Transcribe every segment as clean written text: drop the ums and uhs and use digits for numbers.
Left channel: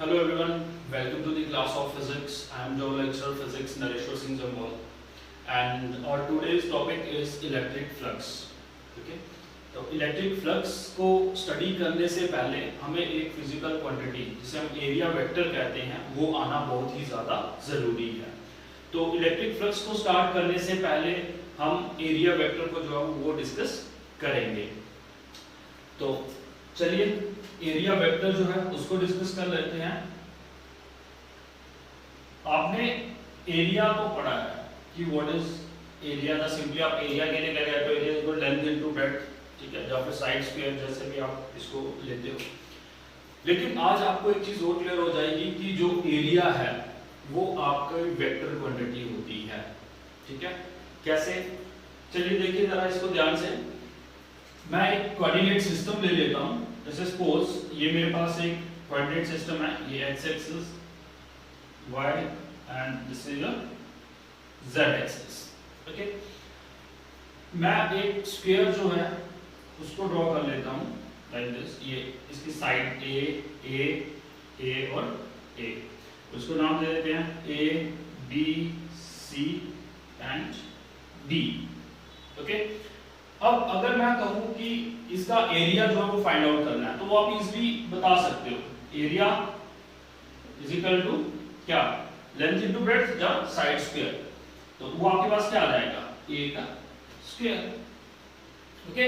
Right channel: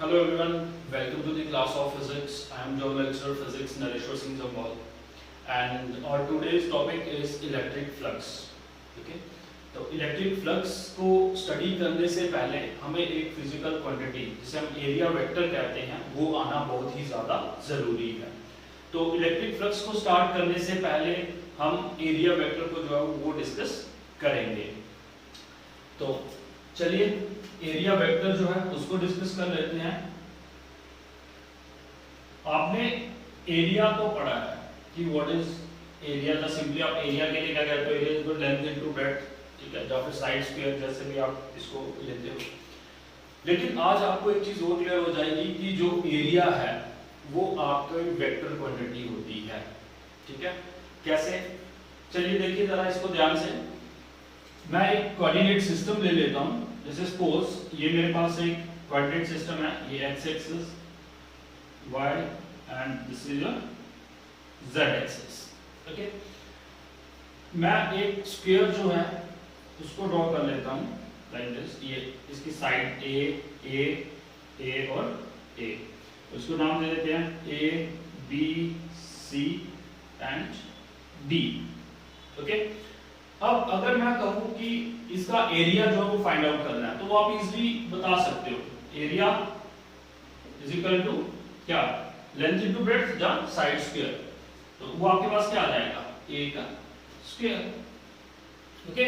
Hello everyone, welcome to the class of physics. I am Joe Lecturer Physics Nareshwar Singh Jambal and our today's topic is electric flux. Okay? तो electric flux को study करने से पहले हमें एक physical quantity जिसे हम area vector कहते हैं वो आना बहुत ही ज़्यादा ज़रूरी है। तो इलेक्ट्रिक फ्लक्स को स्टार्ट करने से पहले हम एरिया वेक्टर को जो है वो डिस्कस करेंगे। तो चलिए एरिया वेक्टर जो है उसको डिस्कस कर लेते हैं। आपने एरिया को पढ़ा है कि व्हाट इज एरिया, ना सिंपली आप एरिया के लिए क्या कहते हो, area equal length into breadth, ठीक है, या फिर साइड स्क्वायर जैसे भी आप इसको लेते हो। लेकिन आज आपको एक चीज और क्लियर हो जाएगी कि जो एरिया है वो आपका वेक्टर क्वांटिटी होती है, ठीक है। कैसे, चलिए देखिए जरा इसको ध्यान से। मैं एक कोऑर्डिनेट सिस्टम ले लेता हूं। जैसे सपोज ये मेरे पास एक कोऑर्डिनेट सिस्टम है, ये X axis, Y and this is a Z axis. Okay, मैं एक स्क्वायर जो है उसको ड्रॉ कर लेता हूं लाइक दिस। ये इसकी साइड ए और ए, उसको नाम दे देते हैं A B C and D. Okay, अब अगर मैं कहूं कि इसका एरिया जो है वो फाइंड आउट करना है तो वो आप इजीली बता सकते हो। एरिया इज इक्वल टू क्या, लेंथ इनटू ब्रेड्थ या साइड स्क्वायर। तो वो आपके पास क्या आ जाएगा, ए का स्क्वायर। ओके,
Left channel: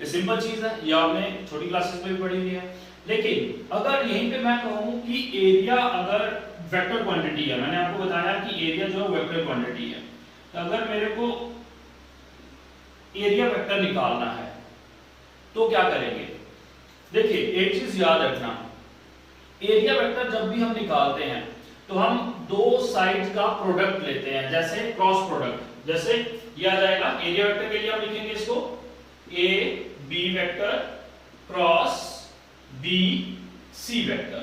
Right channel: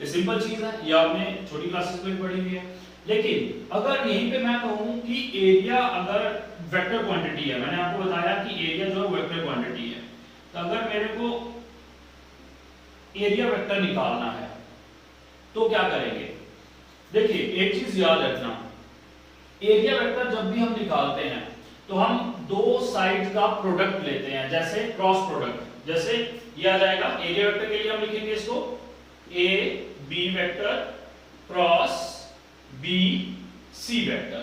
ये सिंपल चीज है, ये आपने छोटी क्लासेस में भी पढ़ी हुई है। लेकिन अगर यहीं पे मैं कहूं कि एरिया अगर वेक्टर क्वांटिटी है, मैंने आपको बताया कि एरिया जो है वेक्टर क्वांटिटी है, तो अगर मेरे को एरिया वेक्टर निकालना है तो क्या करेंगे। देखिए एक चीज याद रखना, एरिया वेक्टर जब भी हम निकालते हैं तो हम दो साइड का प्रोडक्ट लेते हैं, जैसे क्रॉस प्रोडक्ट। जैसे ये आ जाएगा एरिया वेक्टर के लिए हम लिखेंगे इसको A B vector cross B C vector.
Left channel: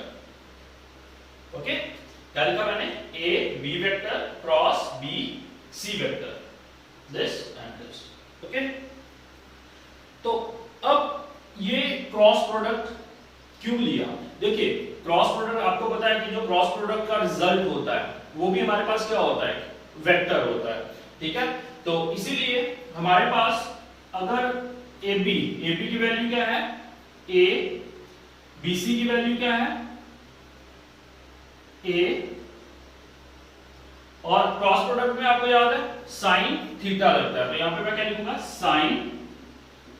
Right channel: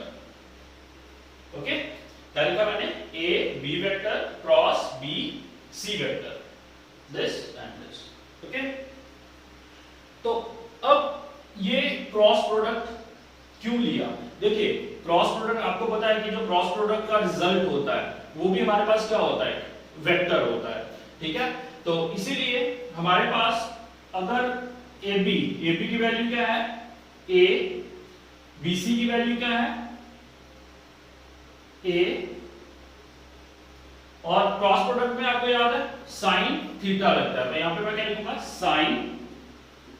Okay, क्या लिखा मैंने, A B vector cross B C vector, this and this. Okay, तो अब ये क्रॉस प्रोडक्ट क्यों लिया। देखिए क्रॉस प्रोडक्ट आपको पता है कि जो क्रॉस प्रोडक्ट का रिजल्ट होता है वो भी हमारे पास क्या होता है, वेक्टर होता है, ठीक है। तो इसीलिए हमारे पास अगर AB की वैल्यू क्या है, A, BC की वैल्यू क्या है, A, और क्रॉस प्रोडक्ट में आपको याद है साइन थीटा लगता है, तो यहां पे मैं क्या लिखूंगा, साइन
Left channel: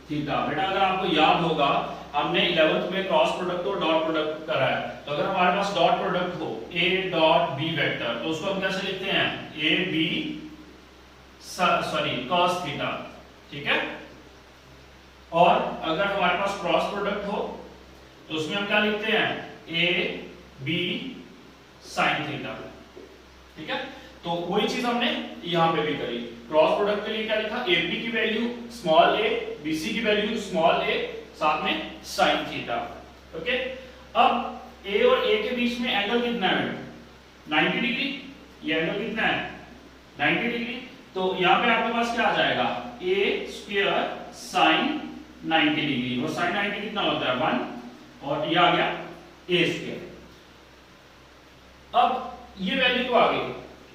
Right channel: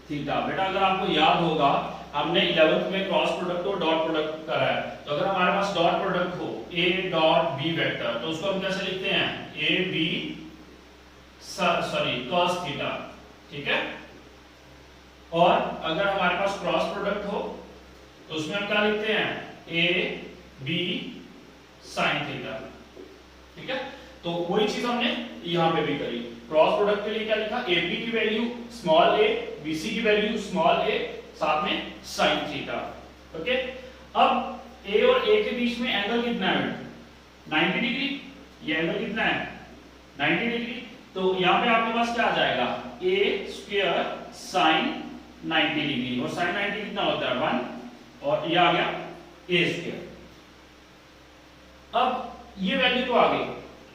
थीटा। बेटा अगर आपको याद होगा हमने 11th में क्रॉस प्रोडक्ट और डॉट प्रोडक्ट करा है, तो अगर हमारे पास डॉट प्रोडक्ट हो A डॉट B वेक्टर तो उसको हम कैसे लिखते हैं, A B cos थीटा, ठीक है। और अगर हमारे पास क्रॉस प्रोडक्ट हो तो उसमें हम क्या लिखते हैं, A B sin थीटा, ठीक है। तो वही चीज हमने यहां पे भी करी। क्रॉस प्रोडक्ट के लिए क्या लिखा, AB की वैल्यू स्मॉल a, BC की वैल्यू स्मॉल a, साथ में sin थीटा। ओके, अब A और A के बीच में एंगल कितना है, 90 डिग्री। ये एंगल कितना है, 90 डिग्री। तो यहां पे आपके पास क्या आ जाएगा, a स्क्वायर sin 90 डिग्री, और sin 90 कितना होता है 1, और ये आ गया a स्क्वायर। अब ये वैल्यू तो आ गई,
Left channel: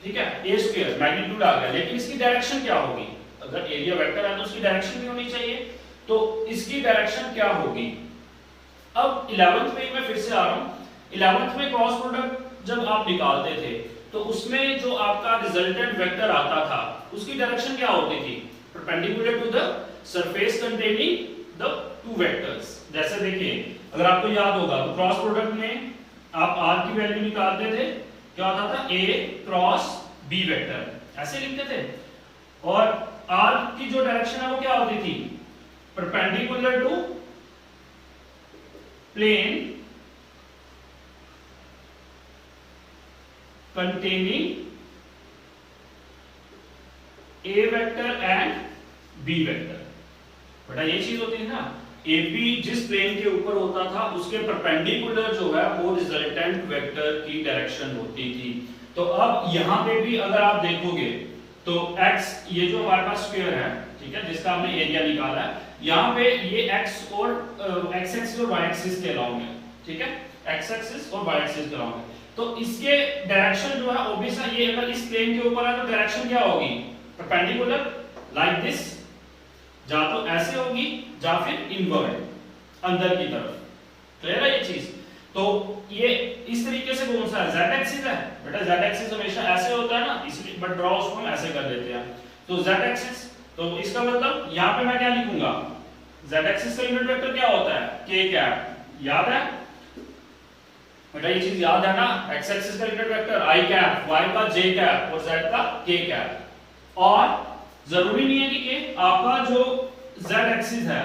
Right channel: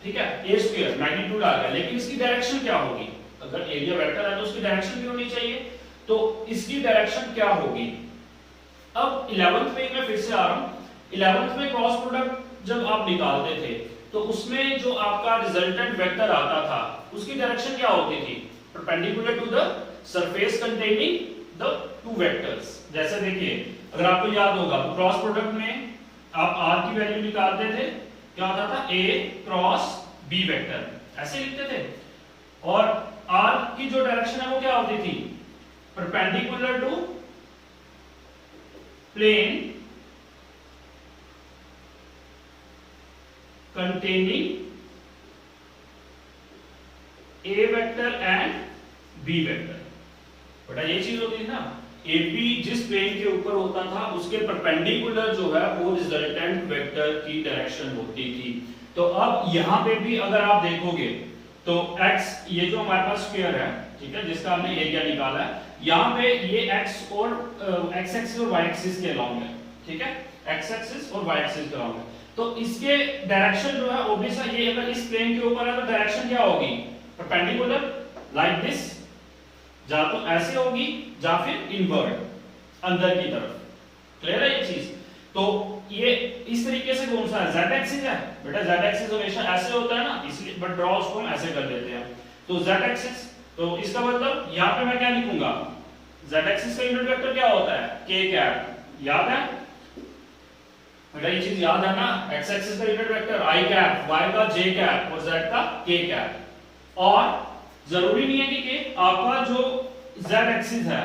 ठीक है, a स्क्वायर मैग्नीट्यूड आ गया, लेकिन इसकी डायरेक्शन क्या होगी। अगर एरिया वेक्टर है तो उसकी डायरेक्शन भी होनी चाहिए, तो इसकी डायरेक्शन क्या होगी। अब 11th में मैं फिर से आ रहा हूं, 11th में क्रॉस प्रोडक्ट जब आप निकालते थे तो उसमें जो आपका रिजल्टेंट वेक्टर आता था उसकी डायरेक्शन क्या होती थी, perpendicular to the surface containing the two vectors. जैसे देखिए अगर आपको याद होगा तो क्रॉस प्रोडक्ट में आप r की वैल्यू निकालते थे, क्या होता था, a क्रॉस b वेक्टर, ऐसे लिखते थे। और r की जो डायरेक्शन है वो क्या होती थी, perpendicular to plane containing a vector and b vector. बेटा ये चीज होती है ना, AP जिस प्लेन के ऊपर होता था उसके परपेंडिकुलर जो है वो रिजल्टेंट वेक्टर की डायरेक्शन होती थी। तो अब यहां पे भी अगर आप देखोगे तो x, ये जो हमारे पास स्क्वायर है, ठीक है, जिसका हमने एरिया निकाला है, यहाँ पे ये x और x एक्सिस और y एक्सिस के अलाउ में, ठीक है, एक्स एक्सिस और वाई एक्सिस के अलॉन्ग है। तो इसके डायरेक्शन जो है ऑब्वियस है, ये अगर इस प्लेन के ऊपर है तो डायरेक्शन क्या होगी, परपेंडिकुलर लाइक दिस, या तो ऐसे होगी या फिर इनवर्ट अंदर की तरफ। क्लियर है ये चीज। तो ये इस तरीके से कौन सा है, z एक्सिस है बेटा, z एक्सिस हमेशा ऐसे होता है ना, इसलिए बट ड्रॉ उसको हम ऐसे कर देते हैं। तो z एक्सिस, तो इसका मतलब यहां पे मैं क्या लिखूंगा, z एक्सिस का यूनिट वेक्टर क्या होता है, k कैप, याद है बेटा ये चीज याद है ना, x एक्सिस का unit vector i cap, y का j कैप और z का k कैप। और जरूरी नहीं है कि आपका जो z एक्सिस है,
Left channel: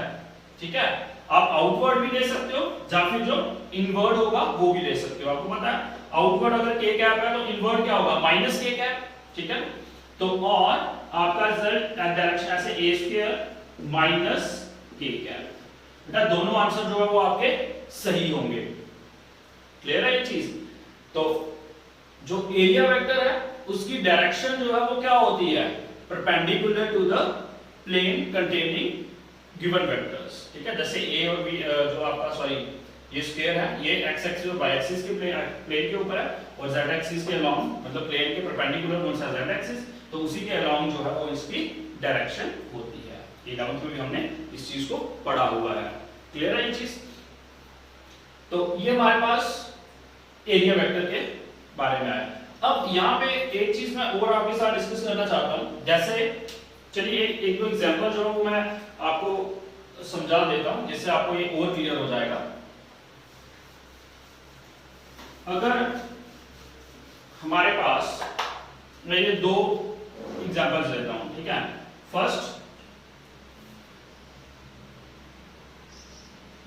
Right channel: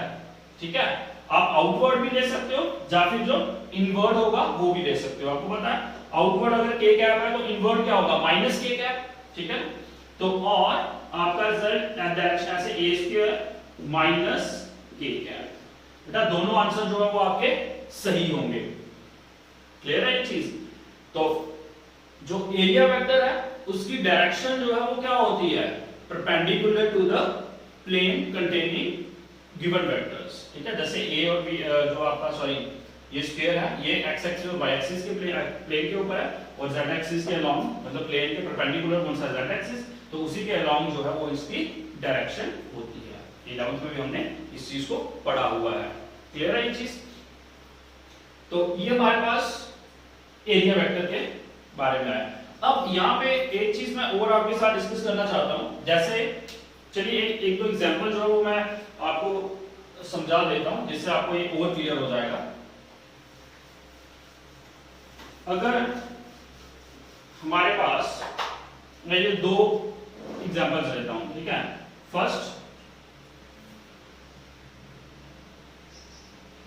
ठीक है, आप आउटवर्ड भी ले सकते हो या फिर जो इनवर्ड होगा वो भी ले सकते हो। आपको पता है आउटवर्ड अगर k कैप है तो इनवर्ड क्या होगा, माइनस k कैप, ठीक है। तो और आपका रिजल्ट डायरेक्शन ऐसे a square minus k cap, बेटा दोनों आंसर जो है वो आपके सही होंगे। क्लियर है ये चीज। तो जो एरिया वेक्टर है उसकी डायरेक्शन जो है वो क्या होती है, perpendicular to the plane containing given vectors, ठीक है। जैसे a और b जो आपका सॉरी ये स्क्वायर है, ये x एक्सिस और y एक्सिस के प्लेन के ऊपर है, और z एक्सिस के अलोंग मतलब प्लेन के परपेंडिकुलर कौन सा, z एक्सिस, तो उसी के अलोंग जो है वो इसकी डायरेक्शन होती है। ये 11th में भी हमने इस चीज को पढ़ा हुआ है। क्लियर है ये चीज। तो ये हमारे पास एरिया वेक्टर के बारे में है। अब यहाँ पे एक चीज मैं और आपके साथ डिस्कस करना चाहता हूँ, जैसे चलिए एक दो एग्जांपल जो है वो मैं आपको समझा देता हूं जिससे आपको ये और क्लियर हो जाएगा। अगर हमारे पास मैं ये दो एग्जांपल्स लेता हूं, ठीक है। फर्स्ट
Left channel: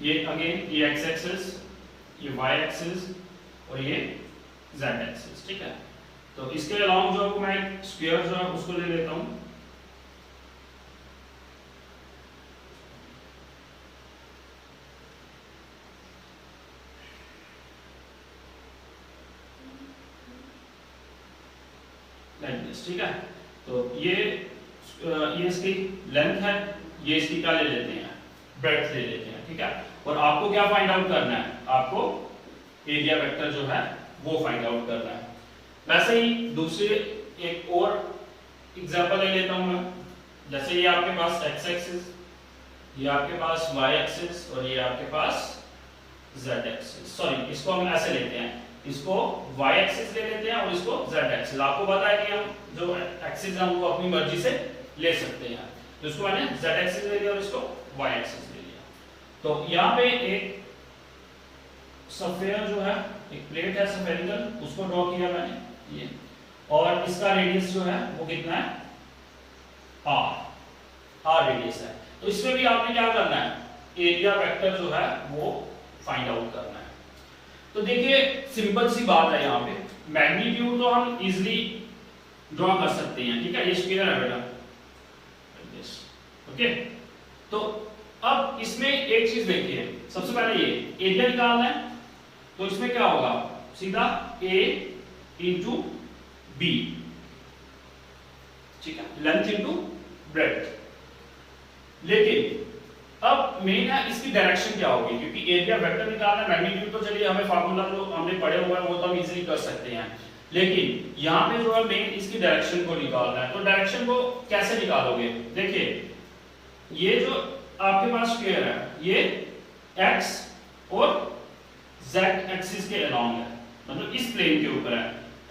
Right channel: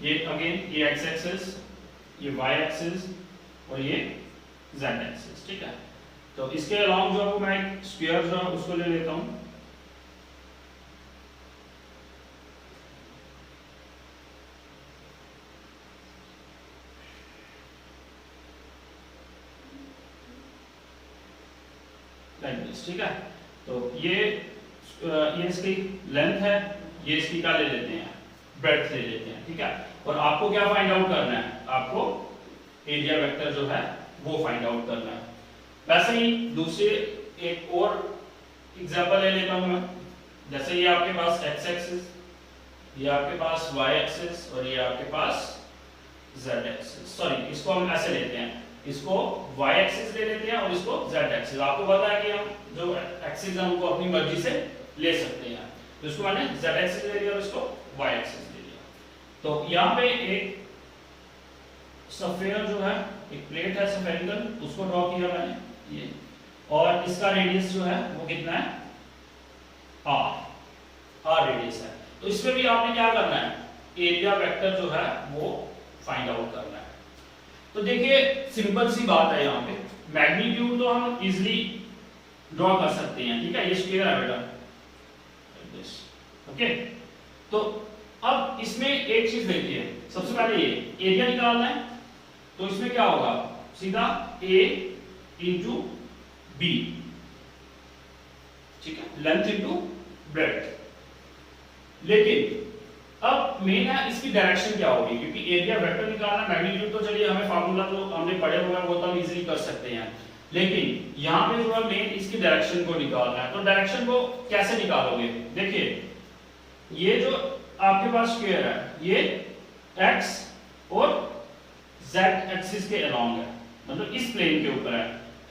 ये अगेन ये एक्स एक्सिस, ये वाई एक्सिस और ये जेड एक्सिस, ठीक है। तो इसके अलावा जो है मैं एक स्फीयर जो है उसको ले लेता हूं। ठीक है। तो ये इसकी लेंथ है, ये इसकी क्या ले लेते हैं, ब्रेड्थ ले लेते हैं, ठीक है। और आपको क्या फाइंड आउट करना है, आपको एरिया वेक्टर जो है वो फाइंड आउट करना है। वैसे ही दूसरे एक और एग्जांपल ले लेता हूं मैं। जैसे ये आपके पास x एक्सिस, ये आपके पास y एक्सिस और ये आपके पास z एक्सिस, सॉरी इसको हम ऐसे लेते हैं, इसको y एक्सिस ले लेते हैं और इसको z एक्सिस। आपको पता है कि हम जो एक्सिस है उनको अपनी मर्जी से ले सकते हैं, तो इसको मैंने z एक्सिस ले लिया और इसको y एक्सिस ले लिया। तो यहाँ पे एक सफेयर जो है, एक प्लेट है स्फेरिकल, उसको ड्रॉ किया मैंने ये, और इसका रेडियस जो है वो कितना है, r रेडियस है। तो इसमें भी आपने क्या करना है, एरिया वेक्टर जो है वो फाइंड आउट करना है। तो देखिए सिंपल सी बात है, यहाँ पे मैग्नीट्यूड तो हम इजिली ड्रॉ कर सकते हैं, ठीक है। ये स्क्वायर है बेटा, ओके। तो अब इसमें एक चीज देखिए, सबसे पहले ये एरिया निकालना है, तो इसमें क्या होगा, सीधा a इंटू बी, ठीक है, लेंथ इंटू ब्रेड्थ। लेकिन अब मेन है इसकी डायरेक्शन क्या होगी, क्योंकि एरिया वेक्टर निकालना, मैग्नीट्यूड तो चलिए हमें फार्मूला तो हमने पढ़े हुआ है वो तो हम इजीली कर सकते हैं, लेकिन यहाँ पे जो है मेन इसकी डायरेक्शन को निकालना है। तो डायरेक्शन को कैसे निकालोगे, देखिए ये जो आपके पास स्क्वायर है ये x और z एक्सिस के अलोंग है, मतलब इस प्लेन के ऊपर है,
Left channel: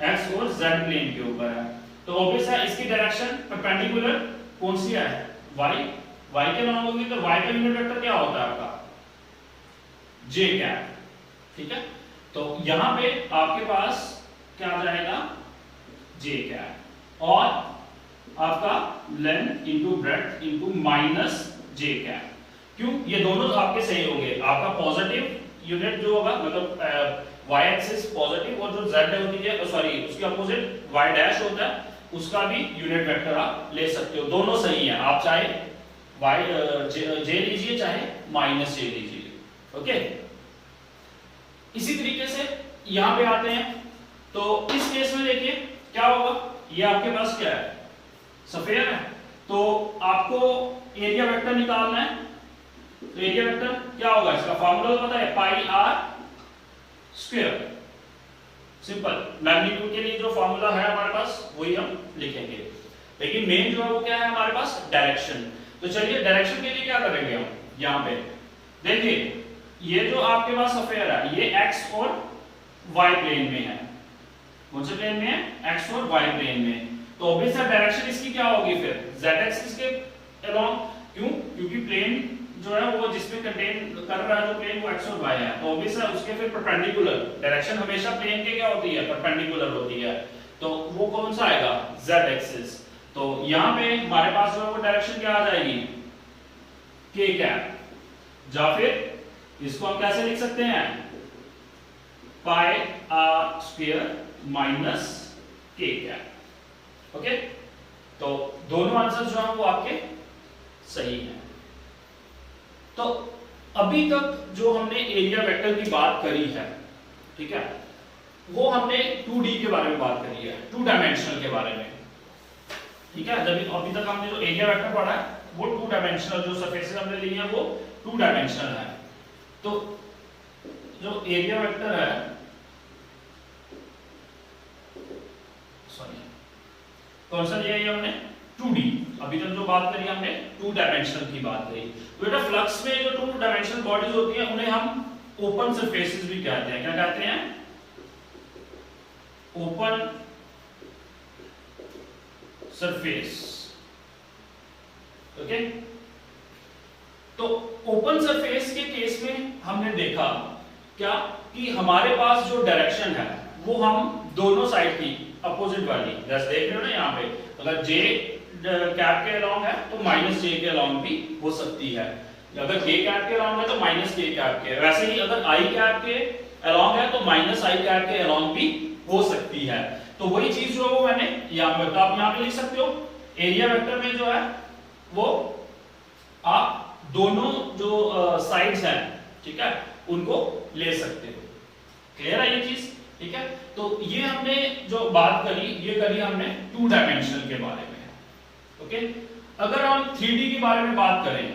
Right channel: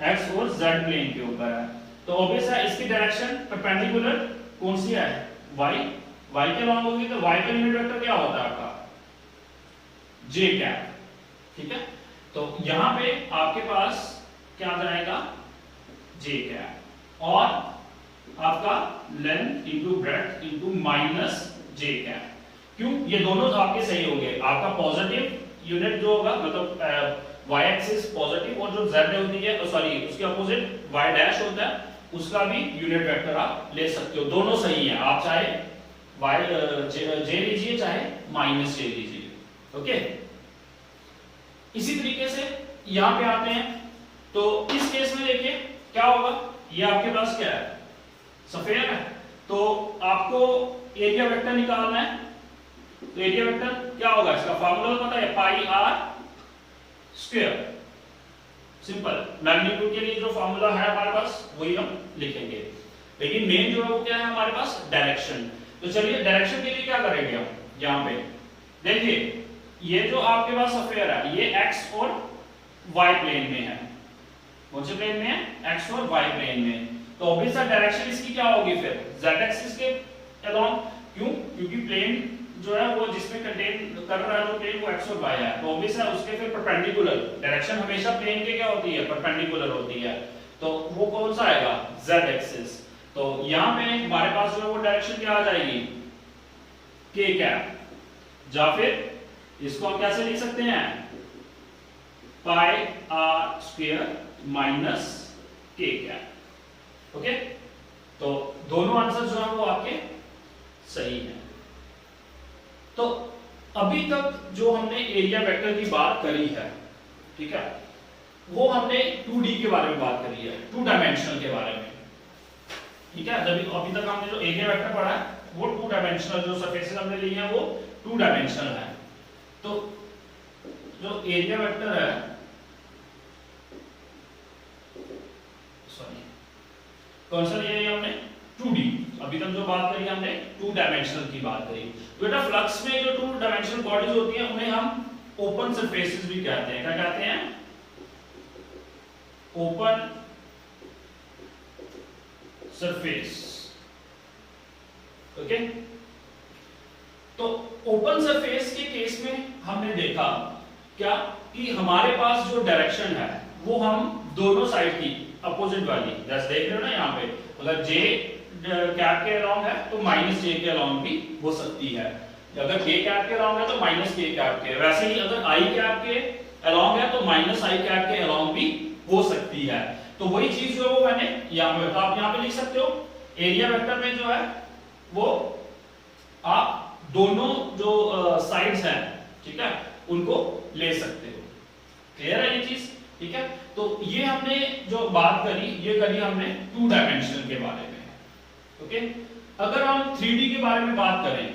x और z प्लेन के ऊपर है। तो ऑब्वियस है इसकी डायरेक्शन परपेंडिकुलर कौन सी है, y के अलोंग होगी। तो y का यूनिट वेक्टर क्या होता है आपका, j कैप, ठीक है। तो यहां पे आपके पास क्या आ जाएगा, j कैप, और आपका length into breadth into minus j cap. क्यों, ये दोनों आपके सही होंगे। आपका पॉजिटिव यूनिट जो होगा, मतलब y एक्सिस पॉजिटिव, और जो z होती है सॉरी उसके अपोजिट y डैश होता है, उसका भी यूनिट वेक्टर आप ले सकते हो, दोनों सही है। आप चाहे j लीजिए चाहे माइनस j लीजिए, ओके। इसी तरीके से यहां पे आते हैं, तो इस केस में देखिए क्या होगा, ये आपके पास क्या है, सफेयर है। तो आपको एरिया वेक्टर निकालना है, तो एरिया वेक्टर क्या होगा, इसका फार्मूला पता है, पाई r स्क्वायर। सिंपल, मैग्नीट्यूड के लिए जो फॉर्मूला है हमारे पास वही हम लिखेंगे, लेकिन मेन जो है वो क्या है हमारे पास, डायरेक्शन। तो चलिए डायरेक्शन के लिए क्या करेंगे हम, यहाँ पे देखिए ये जो आपके पास अफेयर है ये एक्स और वाई प्लेन में है। कौन से प्लेन में है, एक्स और वाई प्लेन में। तो ऑब्वियसली डायरेक्शन इसकी क्या होगी फिर, z एक्सिस के अलोंग। क्यों, क्योंकि प्लेन जो है वो जिसमें कंटेन कर रहा है वो प्लेन वो एक्स और वाई है, तो ऑब्वियसली उसके फिर परपेंडिकुलर डायरेक्शन हमेशा प्लेन के क्या होती है, परपेंडिकुलर होती है। तो वो कौन सा आएगा, z एक्सिस। तो यहाँ पे हमारे पास जो है वो डायरेक्शन क्या आ जाएगी, k कैप, या फिर इसको हम कैसे लिख सकते हैं, pi r square minus k cap. Okay, तो दोनों आंसर जो है वो आपके सही है। तो अभी तक जो हमने एरिया वेक्टर की बात करी है, ठीक है, वो हमने 2D के बारे में बात करी है, 2 डायमेंशनल के बारे में, ठीक है। जब अभी तक हमने जो एरिया वेक्टर पढ़ा है वो 2 डायमेंशनल, जो सरफेसेस हमने लिए हैं वो 2 डायमेंशनल है। तो जो एरिया वेक्टर है, सॉरी कौन सा लिया है हमने, 2D। अभी तक जो बात करी हमने 2 डायमेंशनल की बात करी। बेटा फ्लक्स में जो 2 डायमेंशनल बॉडीज होती हैं उन्हें हम ओपन सरफेसेस भी कहते हैं। क्या कहते हैं, ओपन सरफेस। ओके, तो ओपन सरफेस के केस में हमने देखा क्या कि हमारे पास जो डायरेक्शन है वो हम दोनों साइड की अपोजिट वाली, जैसे देख रहे हो ना यहाँ पे, अगर जे कैप के अलोंग है तो माइनस जे के अलोंग भी हो सकती है, अगर के कैप के अलोंग है तो माइनस के कैप के, वैसे ही अगर आई कैप के अलोंग है तो माइनस आई कैप के अलोंग भी हो सकती है। तो वही चीज जो वो मैंने यहाँ पे, तो आप यहाँ पे लिख सकते हो एरिया वेक्टर में जो है वो आप दोनों जो साइड्स हैं, ठीक है, उनको ले सकते हो। क्लियर है ये चीज, ठीक है। तो ये हमने जो बात करी ये करी हमने 2 डायमेंशनल के बारे में। ओके, अगर हम 3D के बारे में बात करें,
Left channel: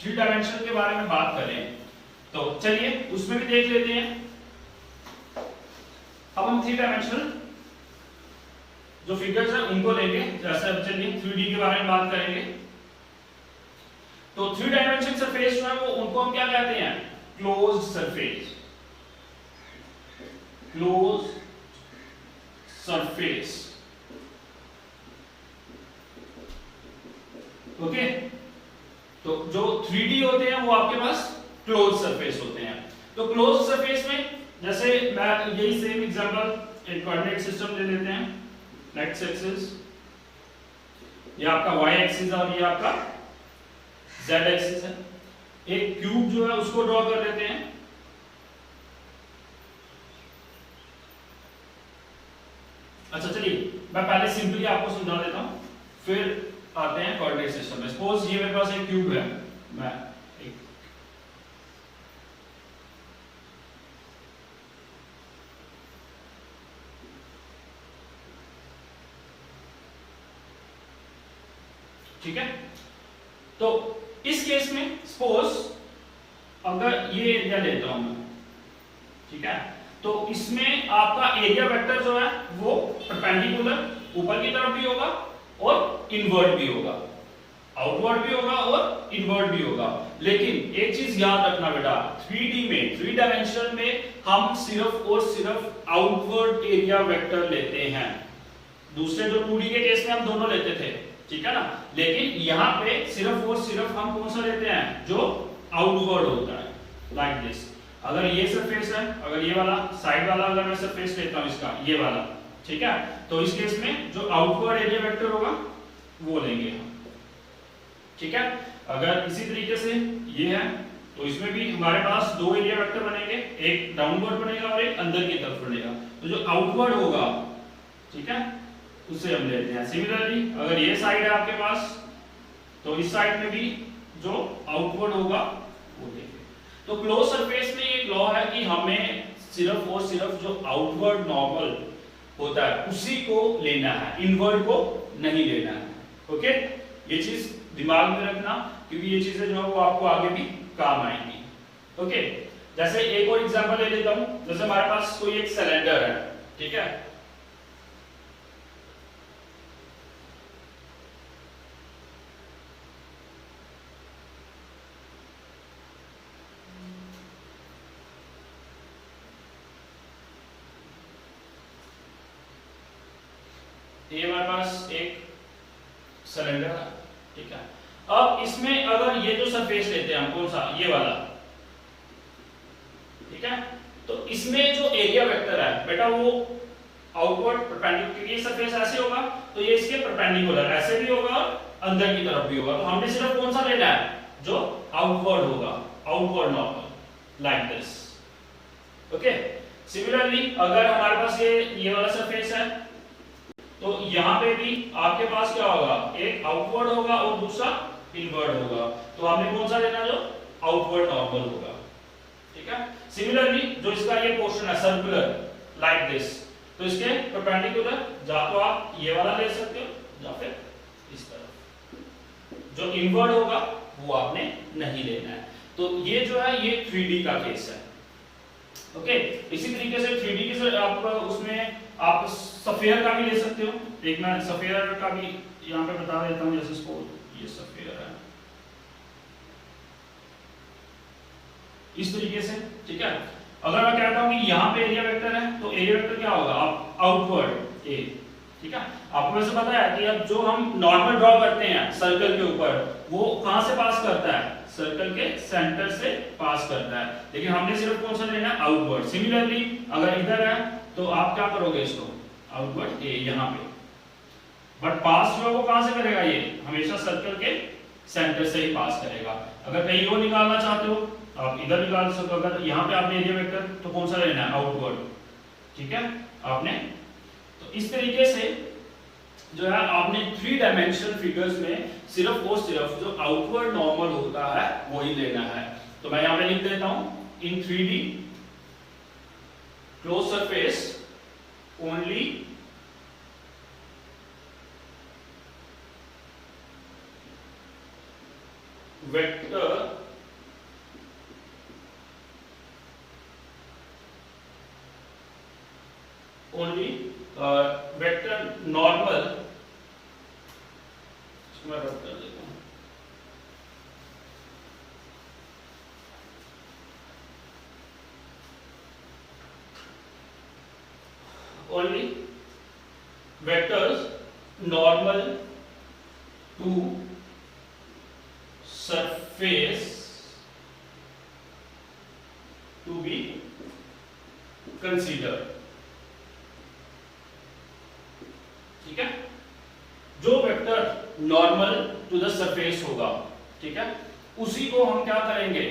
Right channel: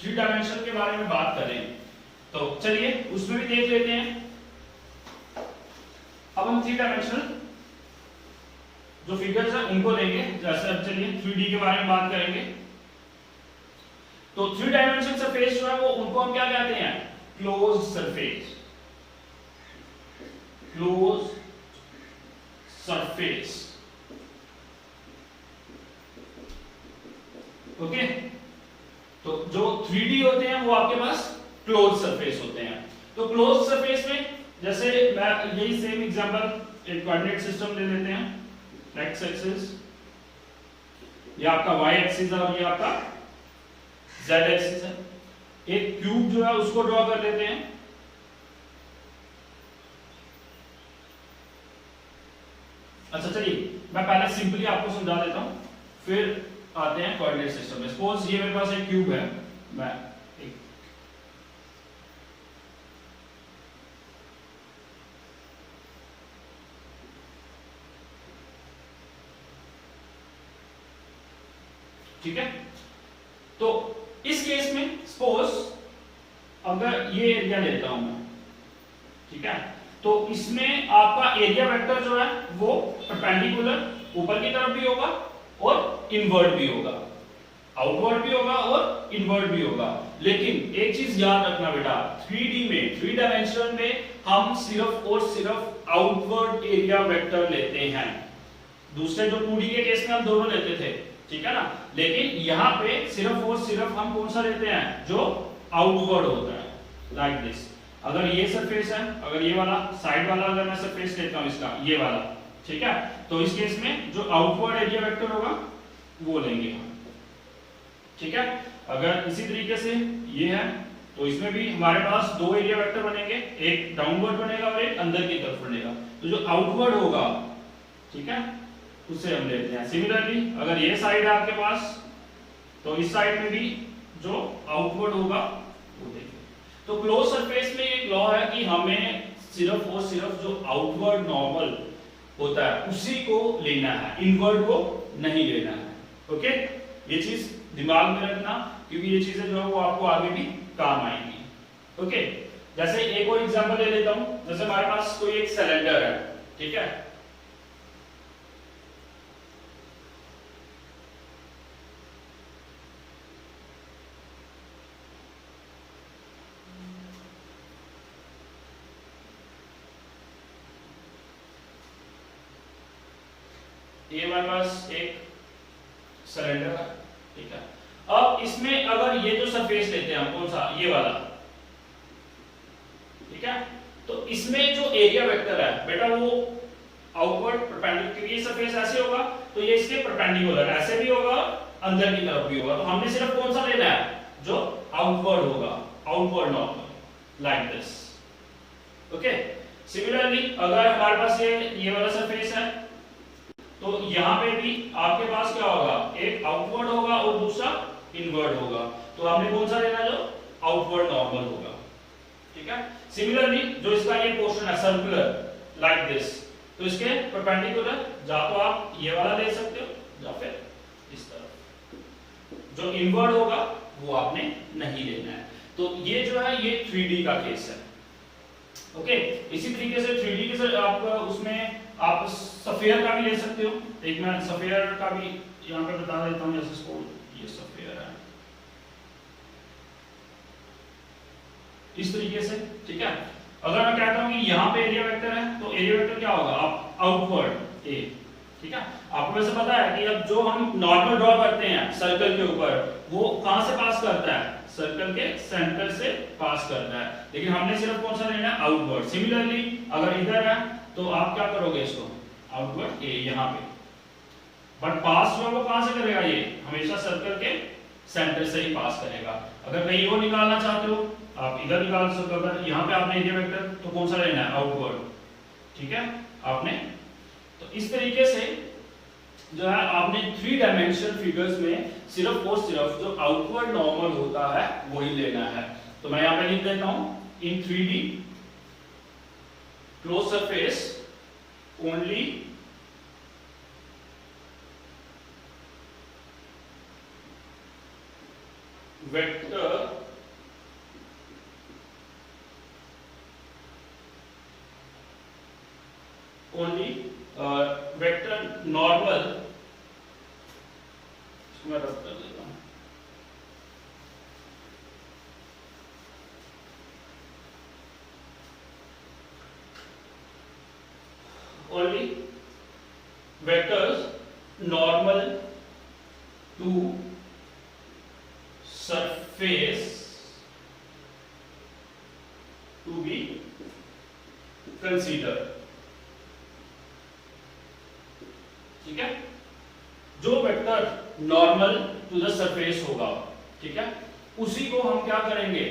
3 डायमेंशनल के बारे में बात करें, तो चलिए उसमें भी देख लेते हैं। अब हम 3 डायमेंशनल जो फिगर्स हैं उनको लेंगे, जैसे अब चलिए 3D के बारे में बात करेंगे। तो 3 डायमेंशनल सरफेस जो है वो उनको हम क्या कहते हैं, closed surface, close surface. Okay, तो जो 3D होते हैं वो आपके पास क्लोज सरफेस होते हैं। तो क्लोज सरफेस में जैसे मैं यही सेम एग्जांपल एक कोऑर्डिनेट सिस्टम ले लेते हैं, एक्स एक्सिस, ये आपका वाई एक्सिस है और ये आपका जेड एक्सिस है। एक क्यूब जो है उसको ड्रॉ कर लेते हैं। अच्छा चलिए मैं पहले सिंपली आपको समझा देता हूं, फिर आते हैं कोऑर्डिनेट सिस्टम में। सपोज ये मेरे पास एक क्यूब है, मैं एक ठीक है। तो इस केस में सपोज अगर ये एरिया लेता हूं मैं, ठीक है, तो इसमें आपका एरिया वेक्टर जो है वो परपेंडिकुलर ऊपर की तरफ भी होगा और इनवर्ट भी होगा, आउटवर्ड भी होगा और इनवर्ट भी होगा। लेकिन एक चीज याद रखना बेटा, 3D में 3 डायमेंशन में हम सिर्फ और सिर्फ आउटवर्ड एरिया वेक्टर लेते हैं। दूसरे जो 2D के केस में हम दोनों लेते थे, ठीक है ना, लेकिन यहाँ पे सिर्फ और सिर्फ हम कौन सा लेते हैं, जो आउटवर्ड होता है, लाइक दिस। अगर ये सरफेस है, अगर ये वाला साइड वाला अगर मैं सरफेस लेता हूं इसका, ये वाला, ठीक है, तो इस केस में जो आउटवर्ड एरिया वेक्टर होगा वो लेंगे हम, ठीक है। अगर इसी तरीके से ये है तो इसमें भी हमारे पास 2 एरिया वेक्टर बनेंगे, एक डाउनवर्ड बनेगा और एक अंदर की तरफ बनेगा। तो जो आउटवर्ड होगा, ठीक है, उसे हम लेते हैं। सिमिलरली अगर ये साइड है आपके पास तो इस साइड में भी जो आउटवर्ड होगा वो लेंगे। तो क्लोज सरफेस में एक लॉ है कि हमें सिर्फ और सिर्फ जो आउटवर्ड नॉर्मल होता है उसी को लेना है, इनवर्ड को नहीं लेना है। ओके, ये चीज दिमाग में रखना क्योंकि ये चीजें जो है वो आपको आगे भी काम आएंगी। ओके, जैसे एक और एग्जांपल ले लेता हूं, जैसे हमारे पास कोई एक सिलेंडर है, ठीक है, ये हमारे पास एक सिलेंडर है, ठीक है। अब इसमें अगर ये जो सरफेस लेते हैं हम, कौन सा, ये वाला, ठीक है, तो इसमें जो एरिया वेक्टर है बेटा वो आउटवर्ड परपेंडिकुलर, ये सरफेस ऐसे होगा तो ये इसके परपेंडिकुलर ऐसे भी होगा, अंदर की तरफ भी होगा, तो हमने सिर्फ कौन सा लेना है, जो आउटवर्ड होगा, outward normal, like this. Okay, similarly अगर हमारे पास ये वाला सरफेस है तो यहां पे भी आपके पास क्या होगा, एक आउटवर्ड होगा और दूसरा इनवर्ड होगा, तो आपने कौन सा लेना, जो आउटवर्ड नॉर्मल होगा, ठीक है। सिमिलरली जो इसका ये पोर्शन है सर्कुलर लाइक दिस, तो इसके परपेंडिकुलर या तो आप ये वाला ले सकते हो या फिर इस तरफ, जो इनवर्ड होगा वो आपने नहीं लेना है। तो ये जो है ये 3D का केस है। ओके, इसी तरीके से 3D के साथ आप उसमें आप सफेयर का भी ले सकते हो। एक मैं सफेयर का भी यहाँ पे बता देता हूँ, जैसे इसको ये सफेयर है इस तरीके से, ठीक है। अगर मैं कहता हूँ कि यहाँ पे एरिया वेक्टर है तो एरिया वेक्टर क्या होगा, आप आउटवर्ड ए, ठीक है। आपको वैसे पता है कि अब जो हम नॉर्मल ड्रॉ करते हैं सर्कल के ऊपर, वो कहां से पास करता है, सर्कल के सेंटर से पास करता है, लेकिन हमने सिर्फ कौन सा लेना है, आउटवर्ड। सिमिलरली अगर इधर है तो आप क्या करोगे, इसको आउटवर्ड ए यहाँ पे, बट पास जो है वो कहां से करेगा, ये हमेशा सर्कल के सेंटर से ही पास करेगा। अगर कहीं और निकालना चाहते हो आप इधर निकाल सकते हो, अगर यहाँ पे आपने एरिया वेक्टर तो कौन सा लेना है, आउटवर्ड, ठीक है आपने। तो इस तरीके से जो है आपने 3 डायमेंशनल फिगर्स में सिर्फ और सिर्फ जो आउटवर्ड नॉर्मल होता है वही लेना है। तो मैं यहाँ पे लिख देता हूं, in 3D close surface only vector only vector normal, इसको मैं रब कर देता हूं, only vectors normal to surface to be consider, ठीक है। जो vector normal to the surface होगा, ठीक है, उसी को हम क्या करेंगे,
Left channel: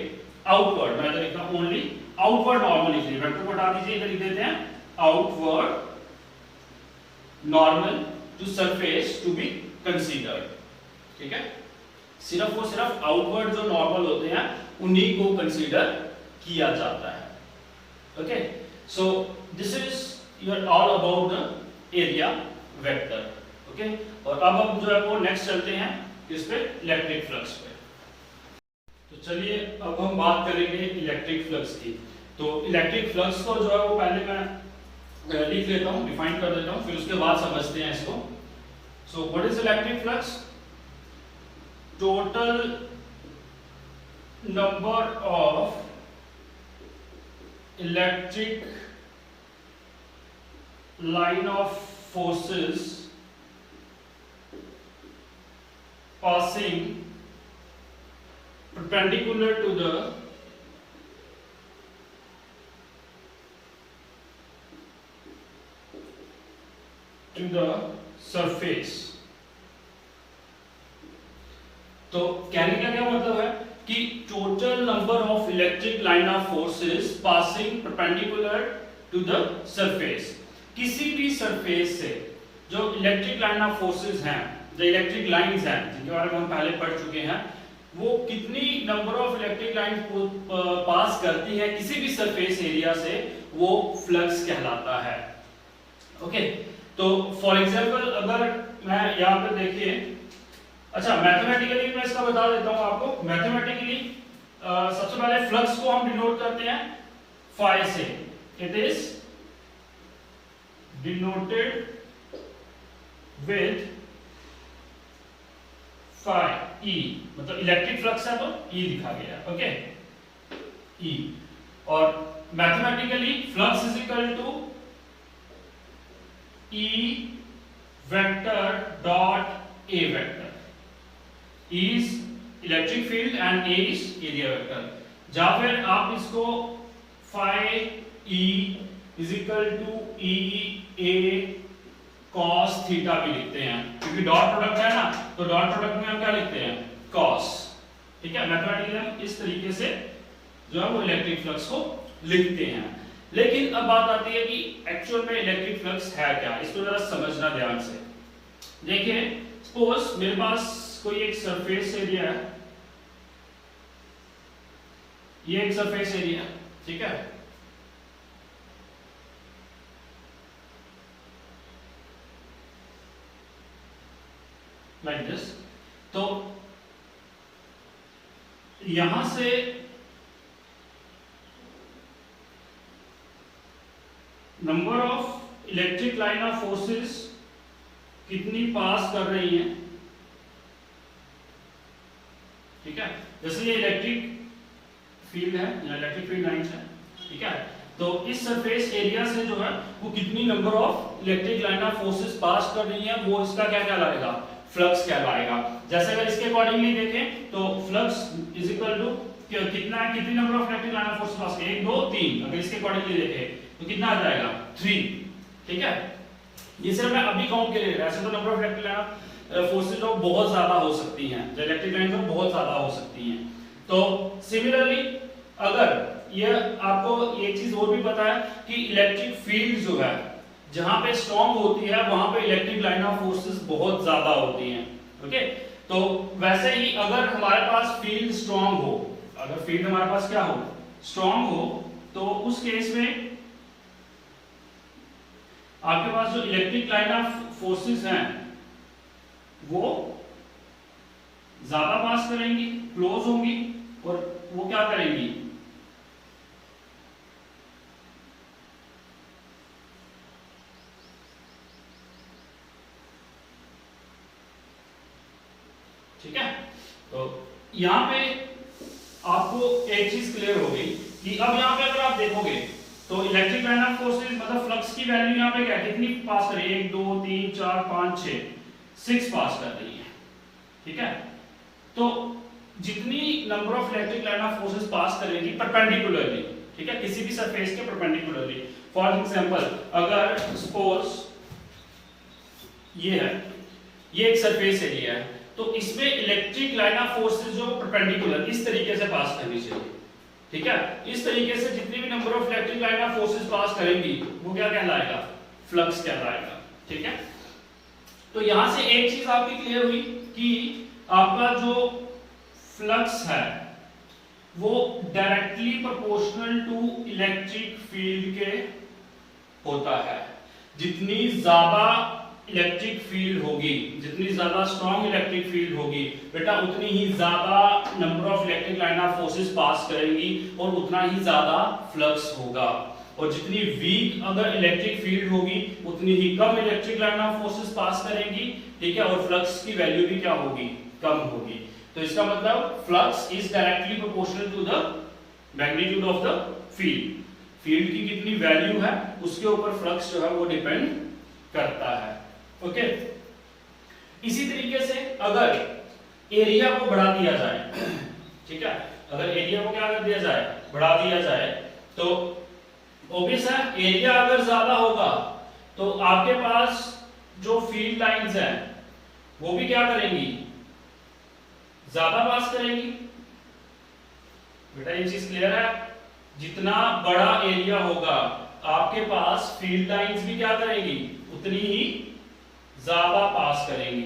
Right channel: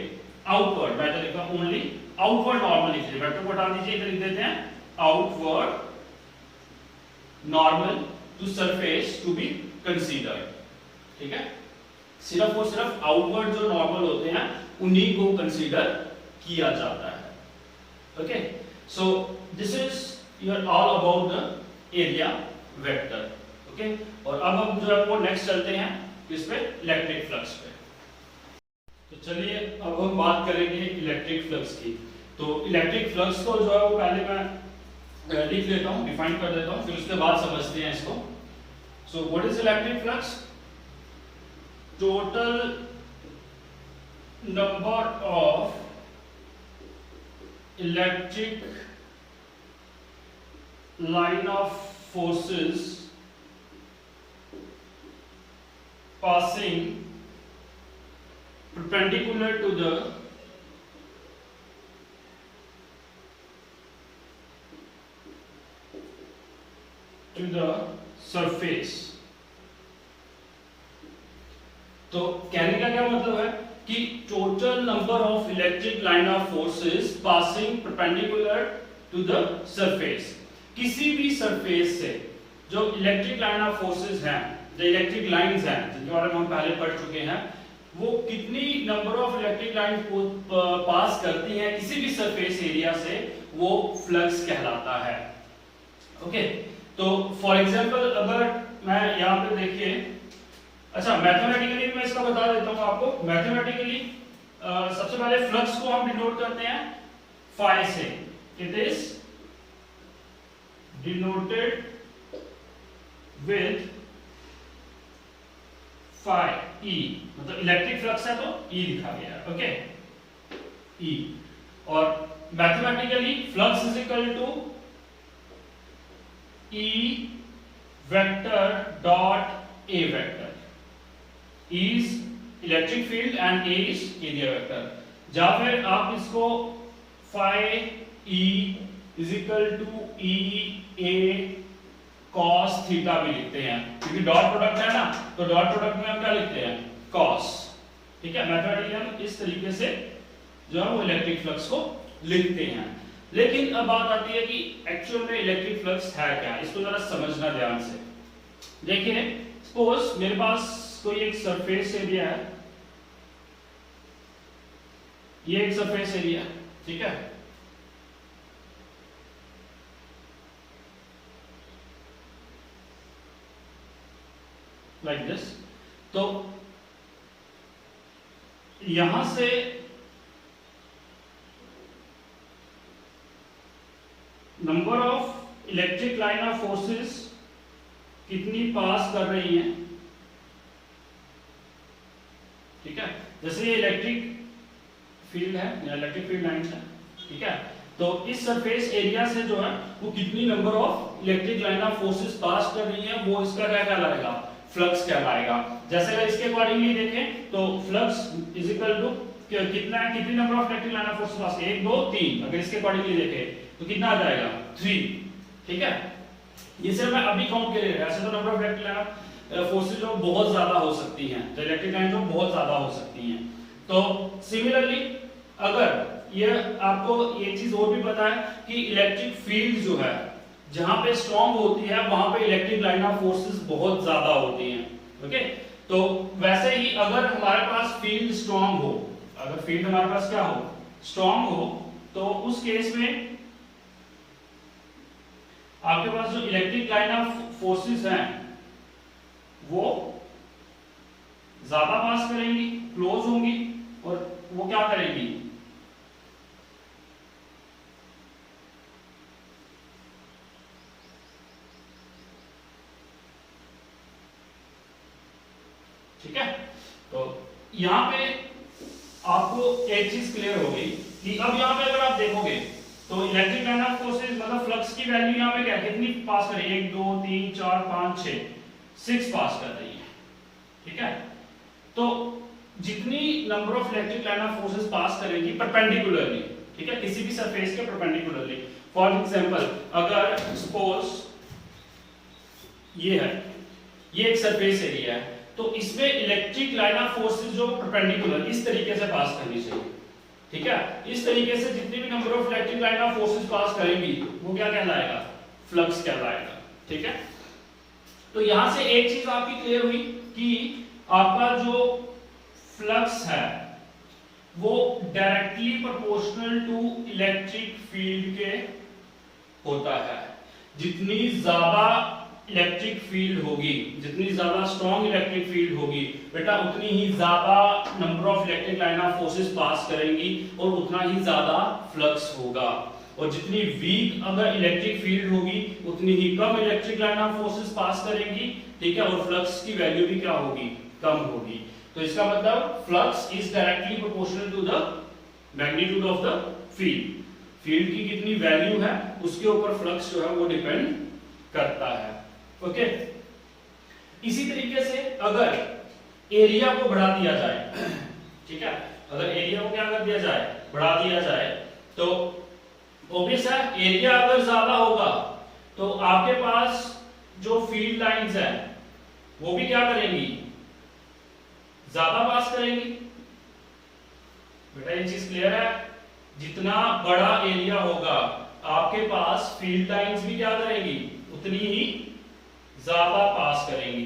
आउटवर्ड, मैं तो लिखता हूं ओनली आउटवर्ड नॉर्मल, लिखिए वेक्टर को हटा दीजिए, इधर लिख देते हैं outward normal to surface to be consider, ठीक है। सिर्फ और सिर्फ आउटवर्ड जो नॉर्मल होते हैं उन्हीं को कंसीडर किया जाता है। Okay, so this is your all about the area vector. Okay, और अब हम जो है वो नेक्स्ट चलते हैं किस पे, इलेक्ट्रिक फ्लक्स पे। तो चलिए अब हम बात करेंगे इलेक्ट्रिक फ्लक्स की। तो इलेक्ट्रिक फ्लक्स को जो है वो पहले मैं लिख लेता हूं, डिफाइन कर देता हूं, फिर उसके बाद समझते हैं इसको। So what is electric flux, total number of electric line of forces passing perpendicular to the surface। तो कहने का क्या मतलब है कि total number of electric line of forces passing perpendicular to the surface, किसी भी सरफेस से जो इलेक्ट्रिक लाइन ऑफ फोर्सेस हैं, जो इलेक्ट्रिक लाइंस हैं जिनके बारे में हम पहले पढ़ चुके हैं, वो कितनी नंबर ऑफ इलेक्ट्रिक लाइन को पास करती हैं किसी भी सरफेस एरिया से, वो फ्लक्स कहलाता है। ओके, तो फॉर एग्जांपल अगर मैं यहां पे देखिए, अच्छा मैथमेटिकली मैं इसका बता देता हूं आपको। मैथमेटिकली सबसे पहले फ्लक्स को हम डिनोट करते हैं फाई से. It is denoted with phi E, मतलब इलेक्ट्रिक फ्लक्स है तो ई लिखा गया है. Okay, E. और mathematically flux is equal to E vector dot A vector. E is electric field and A is area vector. या फिर आप इसको phi E is equal to E A cos theta भी लिखते हैं, क्योंकि डॉट प्रोडक्ट है ना, तो डॉट प्रोडक्ट में हम क्या लिखते हैं, कॉस. ठीक है, मैथमेटिकली हम इस तरीके से जो है वो इलेक्ट्रिक फ्लक्स को लिखते हैं. लेकिन अब बात आती है कि एक्चुअल में इलेक्ट्रिक फ्लक्स है क्या, इसको जरा समझना ध्यान से. देखिए, सपोज मेरे पास कोई एक सरफेस एरिया है, ये एक सरफेस एरिया है. ठीक है, लाइक दिस. तो यहां से number of electric line of forces कितनी पास कर रही हैं. ठीक है, जैसे ये इलेक्ट्रिक फील्ड है या इलेक्ट्रिक फील्ड लाइंस है. ठीक है, तो इस सरफेस एरिया से जो है वो कितनी number of electric line of forces pass कर रही है, वो इसका क्या कहलाएगा, फ्लक्स कहलाएगा. जैसे अगर इसके अकॉर्डिंगली देखें तो फ्लक्स इज इक्वल टू कितना है, कितनी number of electric line of forces पास, 1 2 3. अगर इसके अकॉर्डिंगली देखें तो कितना आ जाएगा, 3. ठीक है, ये सिर्फ मैं अभी काउंट के लिए, ऐसे तो number of electric line of forces जो बहुत ज्यादा हो सकती हैं, जो इलेक्ट्रिक लाइन जो बहुत ज्यादा हो सकती हैं. तो सिमिलरली अगर ये आपको ये चीज और भी पता है कि इलेक्ट्रिक फील्ड जो है जहां पे स्ट्रांग होती है वहां पे इलेक्ट्रिक लाइन ऑफ फोर्सेस बहुत ज्यादा होती हैं. ओके, तो वैसे ही अगर हमारे पास फील्ड स्ट्रांग हो, अगर फील्ड हमारे पास क्या हो, स्ट्रांग हो, तो उस केस में आपके पास जो इलेक्ट्रिक लाइन ऑफ फोर्सेस हैं वो ज्यादा पास करेंगी, क्लोज होंगी, और वो क्या करेंगी, ठीक है. तो यहां पे आपको एक चीज क्लियर हो गई कि अब यहां पे अगर आप देखोगे तो इलेक्ट्रिक लाइन ऑफ फोर्सेस मतलब फ्लक्स की वैल्यू यहां पे क्या कितनी पास कर रही है, 1 2 3 4 5 6 पास कर रही है. ठीक है, तो जितनी number of electric line of forces pass करेगी परपेंडिकुलरली, ठीक है, किसी भी सरफेस के परपेंडिकुलरली. फॉर एग्जांपल अगर सपोज ये है, ये एक सरफेस एरिया है, तो इसमें इलेक्ट्रिक लाइन ऑफ फोर्सेस जो परपेंडिकुलर इस तरीके से पास करनी चाहिए. ठीक है, इस तरीके से जितनी भी number of electric line of forces pass करेंगी वो क्या कहलाएगा, फ्लक्स कहलाएगा. ठीक है, तो यहां से एक चीज आपकी क्लियर हुई कि आपका जो फ्लक्स है वो directly proportional to electric field के होता है. जितनी ज्यादा इलेक्ट्रिक फील्ड होगी, जितनी ज्यादा स्ट्रॉन्ग इलेक्ट्रिक फील्ड होगी बेटा, उतनी ही ज्यादा number of electric line of forces pass करेंगी और उतना ही ज्यादा फ्लक्स होगा. और जितनी वीक अगर इलेक्ट्रिक फील्ड होगी उतनी ही कम electric line of forces pass करेंगी. ठीक है, और फ्लक्स की वैल्यू भी क्या होगी, कम होगी. तो इसका मतलब flux is directly proportional to the magnitude of the field. Field की कितनी वैल्यू है उसके ऊपर फ्लक्स जो है वो डिपेंड करता है. ओके, इसी तरीके से अगर एरिया को बढ़ा दिया जाए, ठीक है, अगर एरिया को क्या कर दिया जाए, बढ़ा दिया जाए, तो ऑब्वियस है एरिया अगर ज्यादा होगा तो आपके पास जो फील्ड लाइंस हैं वो भी क्या करेंगी, ज्यादा पास करेंगी. बेटा ये चीज क्लियर है, जितना बड़ा एरिया होगा आपके पास फील्ड लाइंस भी क्या करेंगी, उतनी ही ज्यादा पास करेंगी.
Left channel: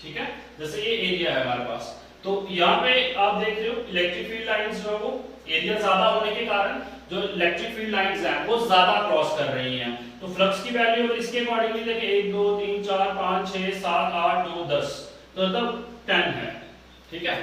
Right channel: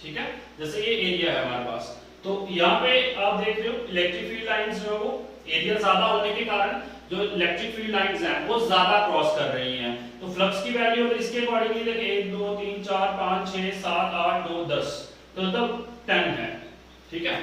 ठीक है, जैसे ये एरिया है हमारे पास, तो यहाँ पे आप देख रहे हो इलेक्ट्रिक फील्ड लाइंस जो है वो एरिया ज्यादा होने के कारण जो इलेक्ट्रिक फील्ड लाइंस हैं वो ज्यादा क्रॉस कर रही हैं, तो फ्लक्स की वैल्यू अगर इसके अकॉर्डिंगली देखें 1 2 3 4 5 6 7 8 9 10 तो मतलब 10 है, ठीक है,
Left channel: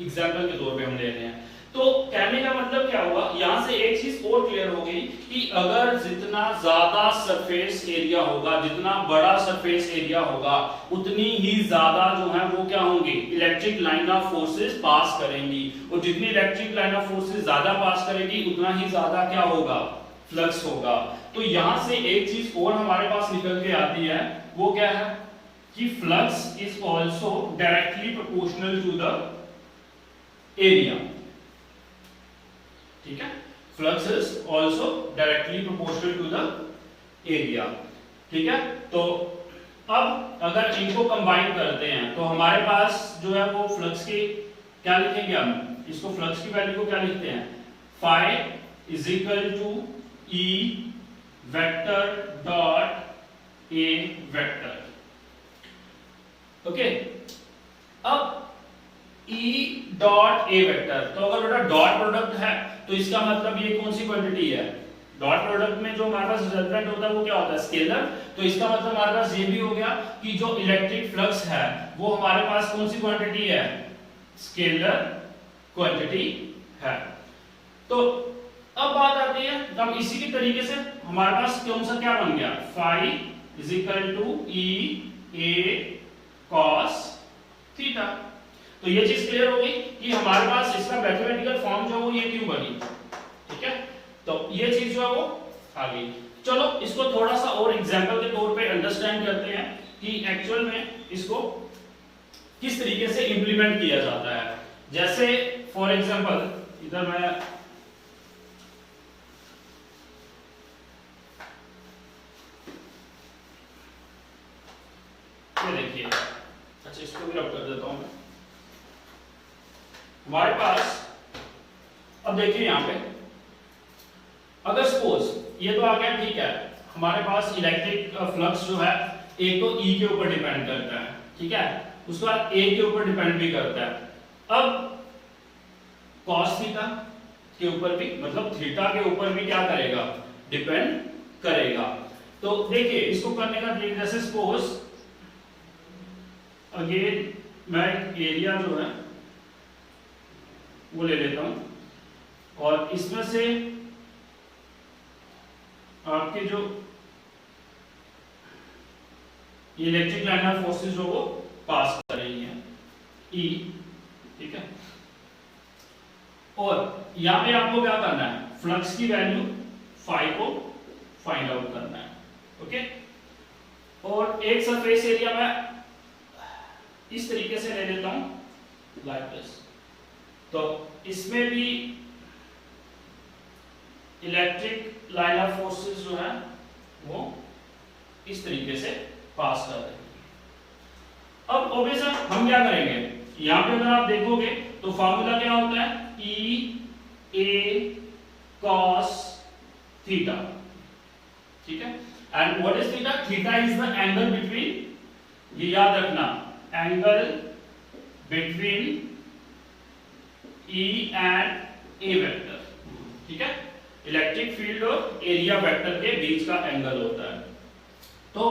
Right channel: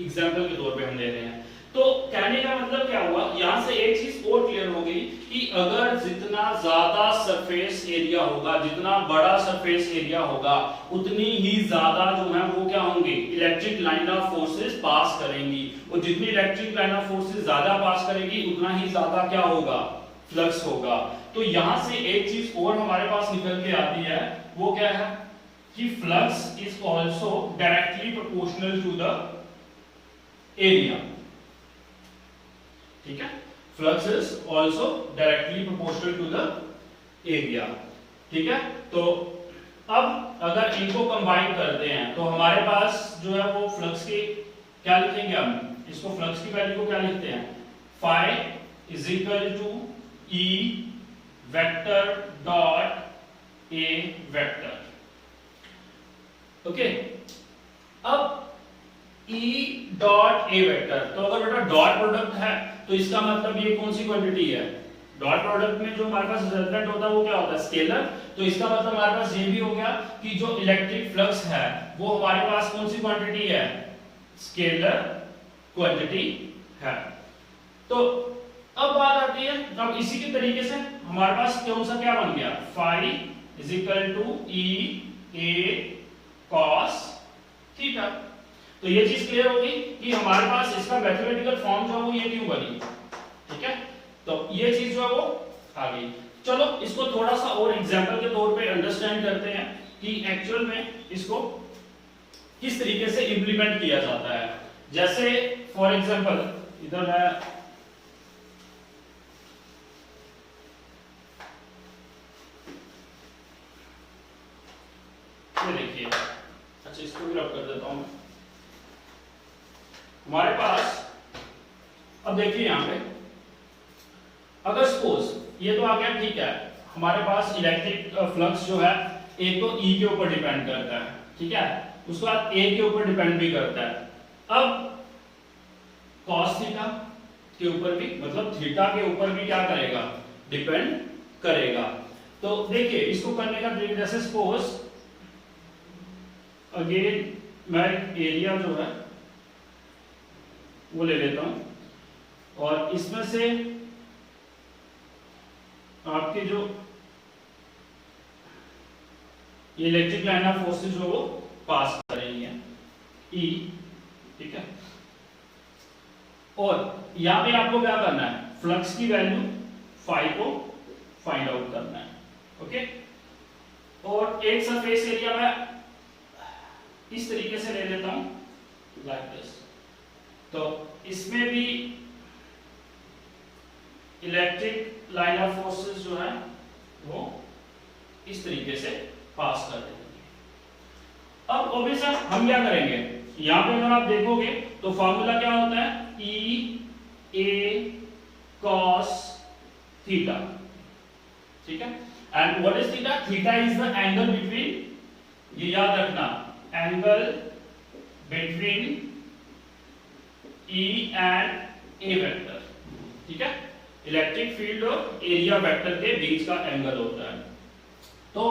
एग्जांपल के तौर पे हम ले रहे हैं। तो कहने का मतलब क्या हुआ, यहां से एक चीज और क्लियर हो गई कि अगर जितना ज्यादा सरफेस एरिया होगा, जितना बड़ा सरफेस एरिया होगा, उतनी ही ज्यादा जो है वो क्या होंगे, electric line of forces pass करेंगी, और जितनी इलेक्ट्रिक लाइन ऑफ फोर्सेस ज्यादा पास करेगी उतना ही ज्यादा क्या होगा, फ्लक्स होगा। तो यहां से एक चीज और हमारे पास निकल के आती है, वो क्या है कि flux is also directly proportional to the area, ठीक है, flux is also directly proportional to the area, ठीक है। तो अब अगर इनको कंबाइन करते हैं तो हमारे पास जो है वो फ्लक्स की क्या लिखेंगे, हम इसको फ्लक्स की वैल्यू को क्या लिखते हैं, phi is equal to E vector dot A vector, okay. अब E डॉट ए वेक्टर, तो अगर बेटा डॉट प्रोडक्ट है तो इसका मतलब ये कौन सी क्वांटिटी है, डॉट प्रोडक्ट में जो हमारे पास रिजल्टेंट होता है वो क्या होता है, स्केलर, तो इसका मतलब हमारे पास ये भी हो गया कि जो इलेक्ट्रिक फ्लक्स है वो हमारे पास कौन सी क्वांटिटी है, स्केलर क्वांटिटी है। तो अब बात आती है, अब इसी के तरीके से हमारे पास कौन सा क्या बन गया, phi is equal to E A cos theta. तो ये चीज क्लियर होगी कि हमारे पास इसका मैथमेटिकल फॉर्म जो है वो ये क्यों बनी, ठीक है, तो ये चीज जो है वो आ गई। चलो इसको थोड़ा सा और एग्जांपल के तौर पे अंडरस्टैंड करते हैं कि एक्चुअल में इसको किस तरीके से इंप्लीमेंट किया जाता है। जैसे फॉर एग्जांपल इधर मैं ये देखिए, अच्छा इसको भी रब कर देता हूं मैं। हमारे पास अब देखिए यहां पे अगर सपोज ये तो आ गया, ठीक है, हमारे पास इलेक्ट्रिक फ्लक्स जो है एक तो ई के ऊपर डिपेंड करता है, ठीक है, उसके बाद ए के ऊपर डिपेंड भी करता है। अब कॉस थीटा के ऊपर भी, मतलब थीटा के ऊपर भी क्या करेगा, डिपेंड करेगा। तो देखिए इसको करने का तरीका, जैसे सपोज अगेन मैं एरिया जो है वो ले लेता हूं और इसमें से आपके जो ये इलेक्ट्रिक लाइन ऑफ फोर्सेस जो वो पास कर रही है ई, ठीक है, और यहां पे आपको क्या करना है, फ्लक्स की वैल्यू फाई को फाइंड आउट करना है, ओके। और एक सरफेस एरिया में इस तरीके से ले लेता हूं लाइक दिस, तो इसमें भी इलेक्ट्रिक लाइन ऑफ फोर्सेस जो है वो इस तरीके से पास कर देंगे। अब ऑब्वियस हम क्या करेंगे, यहां पे अगर आप देखोगे तो फार्मूला क्या होता है, ई ए कॉस थीटा, ठीक है, and what is theta, theta is the angle between, ये याद रखना, angle between E and A vector, ठीक है, इलेक्ट्रिक फील्ड और एरिया वेक्टर के बीच का एंगल होता है। तो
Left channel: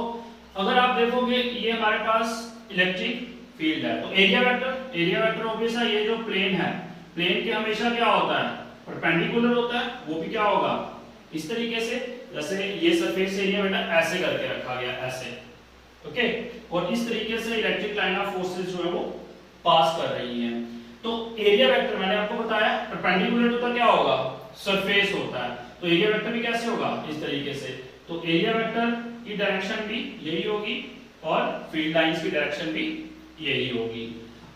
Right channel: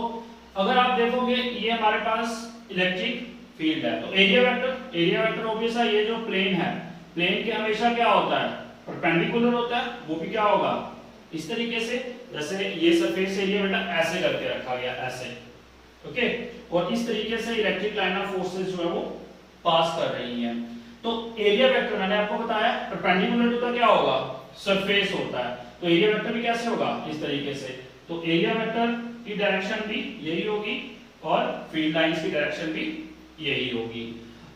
अगर आप देखोगे ये हमारे पास इलेक्ट्रिक फील्ड है, तो एरिया वेक्टर ऑब्वियस है, ये जो प्लेन है, प्लेन के हमेशा क्या होता है, परपेंडिकुलर होता है, वो भी क्या होगा इस तरीके से, जैसे ये सरफेस एरिया बेटा ऐसे करके रखा गया ऐसे, ओके, और इस तरीके से इलेक्ट्रिक लाइन ऑफ फोर्सेस जो है वो पास कर रही हैं। तो एरिया वेक्टर मैंने आपको बताया परपेंडिकुलर टू क्या होगा, सरफेस होता है, तो एरिया वेक्टर भी कैसे होगा, इस तरीके से। तो एरिया वेक्टर की डायरेक्शन भी यही होगी और फील्ड लाइंस की डायरेक्शन भी यही होगी।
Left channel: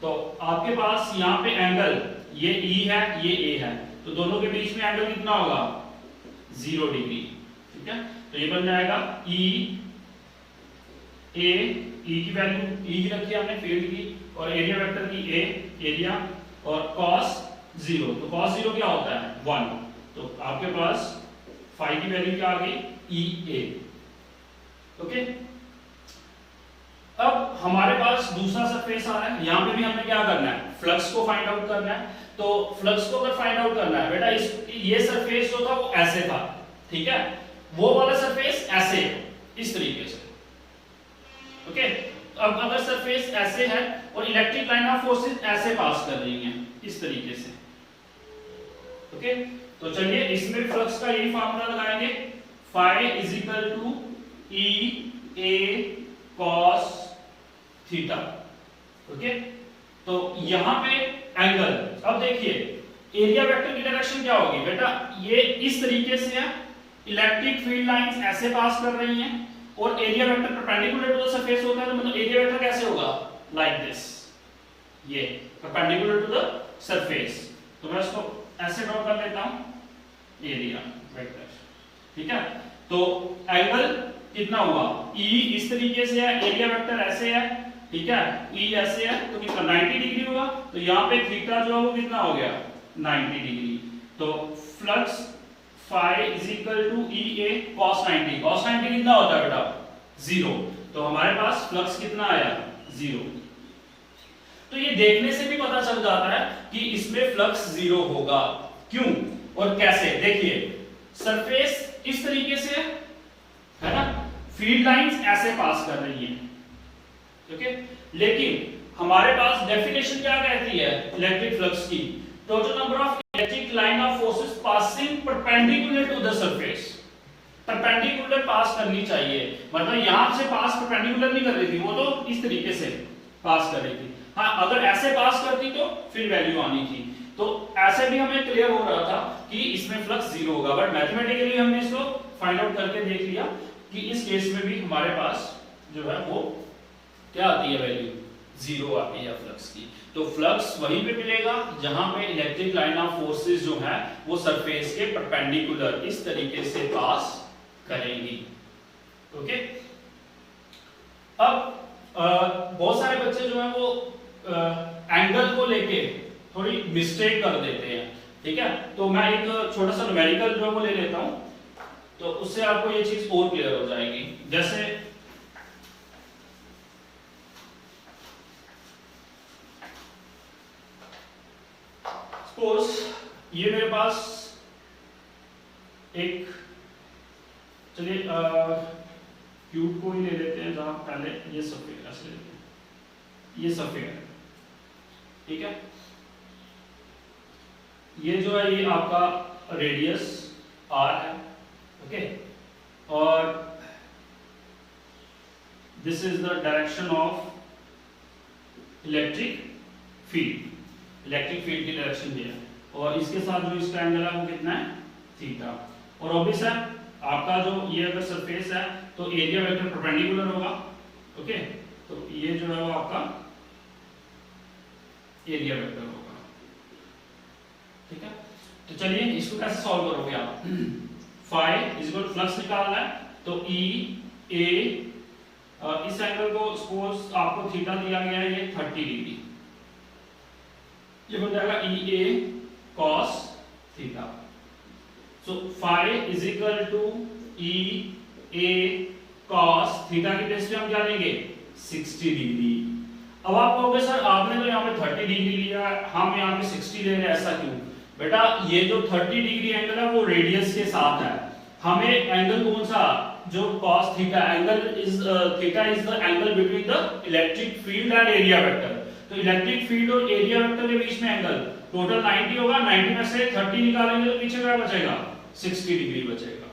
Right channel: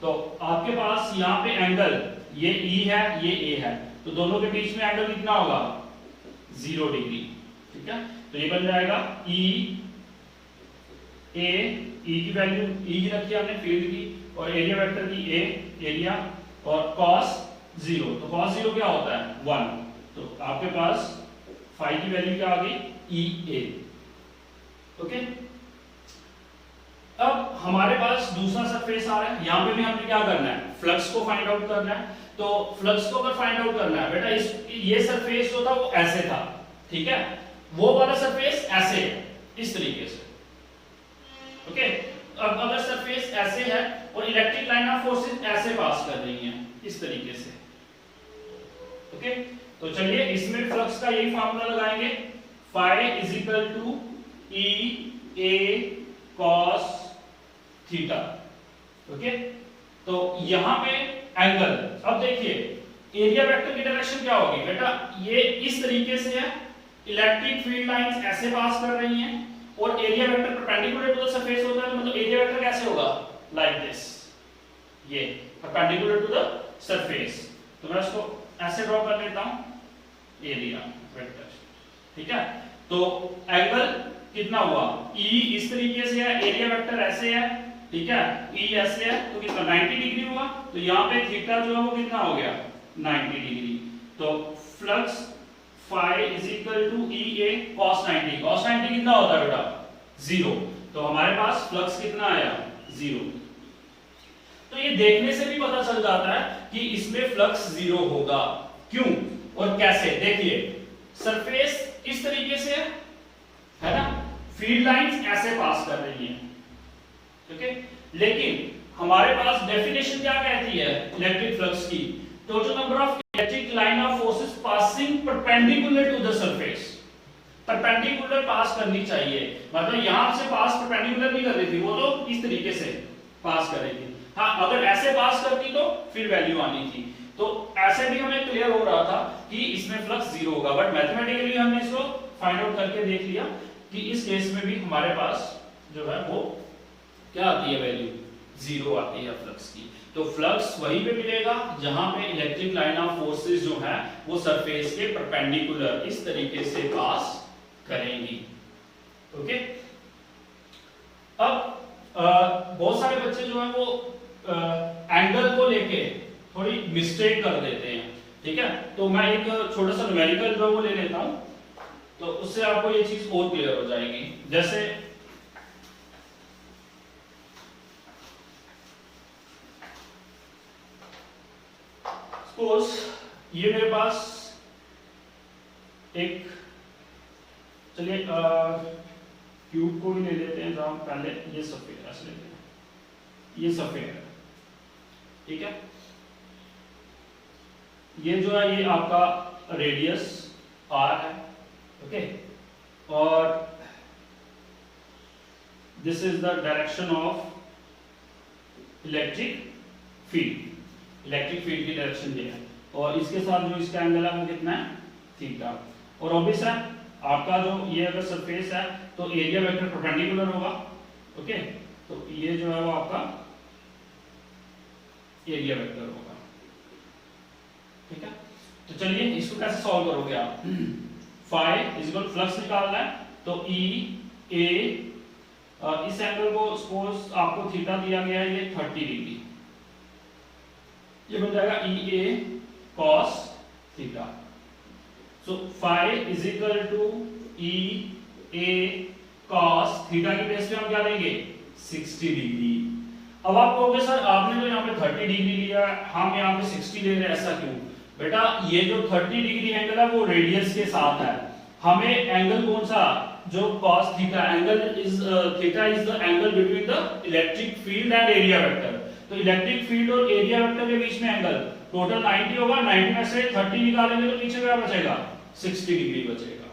तो आपके पास यहाँ पे एंगल ये E है, ये A है, तो दोनों के बीच में एंगल कितना होगा, 0 डिग्री, ठीक है, तो ये बन जाएगा E A, E की वैल्यू E की रखी हमने फील्ड की, और एरिया वेक्टर की A एरिया, और cos 0, तो cos 0 क्या होता है 1, तो आपके पास फाई की वैल्यू क्या आ गई, EA, ओके। अब हमारे पास दूसरा सरफेस आ रहा है, यहां पे भी हमने क्या करना है, फ्लक्स को फाइंड आउट करना है। तो फ्लक्स को अगर फाइंड आउट करना है बेटा, ये सरफेस जो था वो ऐसे था, ठीक है, वो वाला सरफेस ऐसे है, इस तरीके से। ओके, अब अगर सरफेस ऐसे है और इलेक्ट्रिक लाइन ऑफ फोर्सेस ऐसे पास कर रही हैं, इस तरीके से। ओके, तो चलिए इसमें फ्लक्स का यही फार्मूला लगाएंगे, phi is equal to E A cos theta. Okay, तो यहां पे एंगल, अब देखिए एरिया वेक्टर की डायरेक्शन क्या होगी बेटा, ये इस तरीके से है, इलेक्ट्रिक फील्ड लाइंस ऐसे पास कर रही हैं और area vector perpendicular to the surface होता है, तो मतलब एरिया वेक्टर कैसे होगा, लाइक दिस, ये परपेंडिकुलर टू द सरफेस। तो मैं इसको ऐसे ड्रॉ कर लेता हूं, एरिया वेक्टर, ठीक है। तो एंगल कितना हुआ, E इस तरीके से है, एरिया वेक्टर ऐसे है, ठीक है, E ऐसे है, तो कितना 90 डिग्री हुआ। तो यहाँ पे थीटा जो है वो कितना हो गया, 90 डिग्री। तो flux phi is equal to E A cos 90, cos 90 कितना होता है बेटा, 0। तो हमारे पास फ्लक्स कितना आया, 0। तो ये देखने से भी पता चल जाता है कि इसमें फ्लक्स 0 होगा, क्यों और कैसे। देखिए सरफेस इस तरीके से है ना, फील्ड लाइंस ऐसे पास कर रही हैं, ओके, लेकिन हमारे पास डेफिनेशन क्या कहती है इलेक्ट्रिक फ्लक्स की, total number of electric line of forces passing perpendicular to the surface. Perpendicular pass करनी चाहिए, मतलब यहां से पास परपेंडिकुलर नहीं कर रही थी, वो तो इस तरीके से पास कर रही थी। हाँ, अगर ऐसे पास करती तो फिर वैल्यू आनी थी। तो ऐसे भी हमें क्लियर हो रहा था कि इसमें फ्लक्स 0 होगा, बट मैथमेटिकली हमने इसको फाइंड आउट करके देख लिया कि इस केस में भी हमारे पास जो है वो क्या आती है, वैल्यू 0 आती है फ्लक्स की। तो फ्लक्स वहीं पे मिलेगा जहां पे इलेक्ट्रिक लाइन ऑफ फोर्सेस जो है वो सरफेस के परपेंडिकुलर इस तरीके से पास करेंगी। ओके, अब बहुत सारे बच्चे जो है वो एंगल को लेके थोड़ी मिस्टेक कर देते हैं, ठीक है। तो मैं एक छोटा सा न्यूमेरिकल जो है वो ले लेता हूं, तो उससे आपको ये चीज और क्लियर हो जाएगी। जैसे सपोज ये मेरे पास एक, चलिए क्यूब को ही ले लेते हैं, जहां पहले ये सफेद ऐसे लेते हैं, ये सफेद है, ठीक है। ये जो है ये आपका रेडियस r है, ओके, और this is the direction of electric field. Electric field की डायरेक्शन ये है, और इसके साथ जो इसका एंगल है वो कितना है, थीटा। और ऑब्वियस है आपका जो ये अगर सरफेस है तो एरिया वेक्टर परपेंडिकुलर होगा, ओके, तो ये जो है वो आपका एरिया वेक्टर होगा, ठीक है। तो चलिए इसको कैसे सॉल्व करोगे आप, फाई इज इक्वल फ्लक्स निकालना है, तो ई ए, इस एंगल को सपोज आपको थीटा दिया गया है ये 30 डिग्री, ये बन जाएगा E A cos theta. So phi is equal to E A cos theta की बेस पे हम क्या लेंगे 60 डिग्री। अब आप कहोगे सर आपने तो यहाँ पे 30 डिग्री लिया, हम यहाँ पे 60 ले रहे हैं, ऐसा क्यों? बेटा ये जो 30 डिग्री एंगल है वो रेडियस के साथ है, हमें एंगल कौन सा, जो cos theta angle is theta is the angle between the electric field and area vector. तो इलेक्ट्रिक फील्ड और एरिया वेक्टर के बीच में एंगल टोटल 90 होगा, 90 में से 30 निकालेंगे तो पीछे क्या बचेगा, 60 डिग्री बचेगा।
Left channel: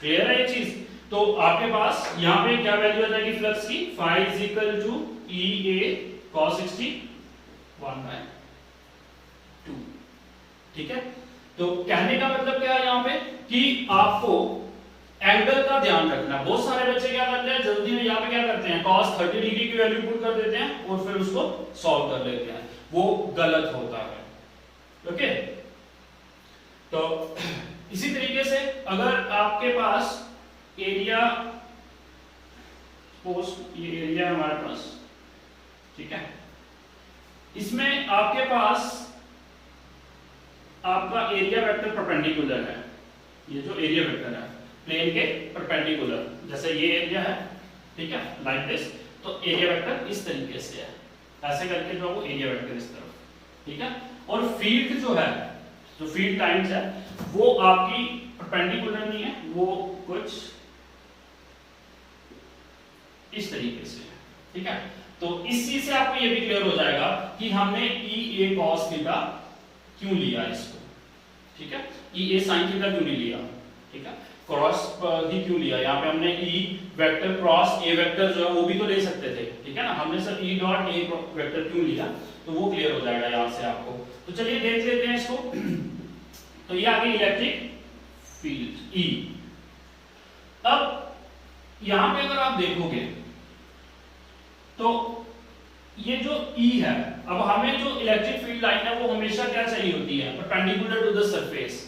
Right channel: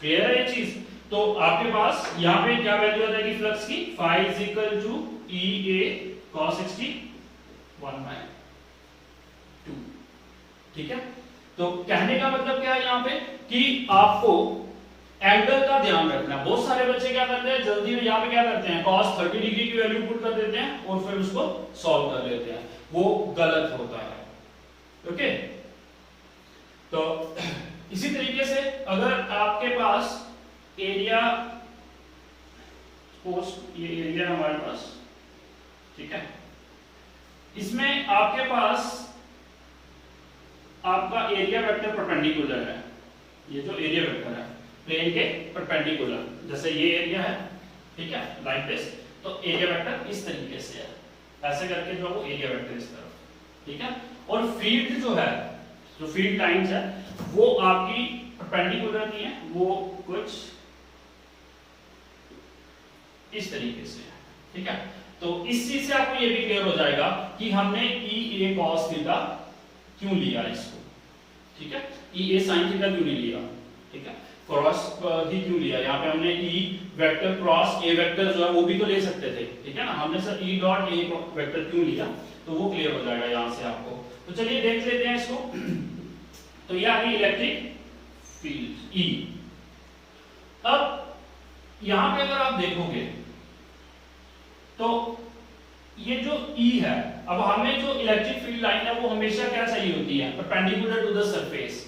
क्लियर है ये चीज? तो आपके पास यहाँ पे क्या वैल्यू आ जाएगी फ्लक्स की, phi is equal to E A cos 60 1/2, ठीक है। तो कहने का मतलब क्या है यहाँ पे कि आपको एंगल का ध्यान रखना। बहुत सारे बच्चे क्या करते हैं जल्दी में यहाँ पे क्या करते हैं cos 30 डिग्री की वैल्यू पुट कर देते हैं और फिर उसको सॉल्व कर लेते हैं, वो गलत होता है, ओके। तो इसी तरीके से अगर आपके पास एरिया पोस्ट, ये एरिया हमारे पास, ठीक है, इसमें आपके पास आपका एरिया वेक्टर परपेंडिकुलर है, ये जो एरिया वेक्टर है प्लेन के परपेंडिकुलर, जैसे ये एरिया है, ठीक है, लाइक दिस। तो एरिया वेक्टर इस तरीके से है, ऐसे करके जो वो एरिया वेक्टर इस तरफ, ठीक है। और फील्ड जो है, जो फील्ड लाइंस है वो आपकी परपेंडिकुलर नहीं है, वो कुछ इस तरीके से है, ठीक है। तो इस चीज से आपको ये भी क्लियर हो जाएगा कि हमने ई ए कॉस थीटा क्यों लिया इसको, ठीक है। ई ए साइन थीटा क्यों नहीं लिया, ठीक है। क्रॉस ही क्यों लिया, यहाँ पे हमने ई वेक्टर क्रॉस ए वेक्टर जो है वो भी तो ले सकते थे, ठीक है ना। हमने sir E dot A vector क्यों लिया, तो वो क्लियर हो जाएगा यहाँ से आपको। तो चलिए देख लेते हैं इसको। तो ये आ गई इलेक्ट्रिक फील्ड ई। अब यहां पे अगर आप देखोगे तो ये जो ई है, अब हमें जो इलेक्ट्रिक फील्ड लाइन है वो हमेशा क्या चाहिए होती है, परपेंडिकुलर टू द सरफेस।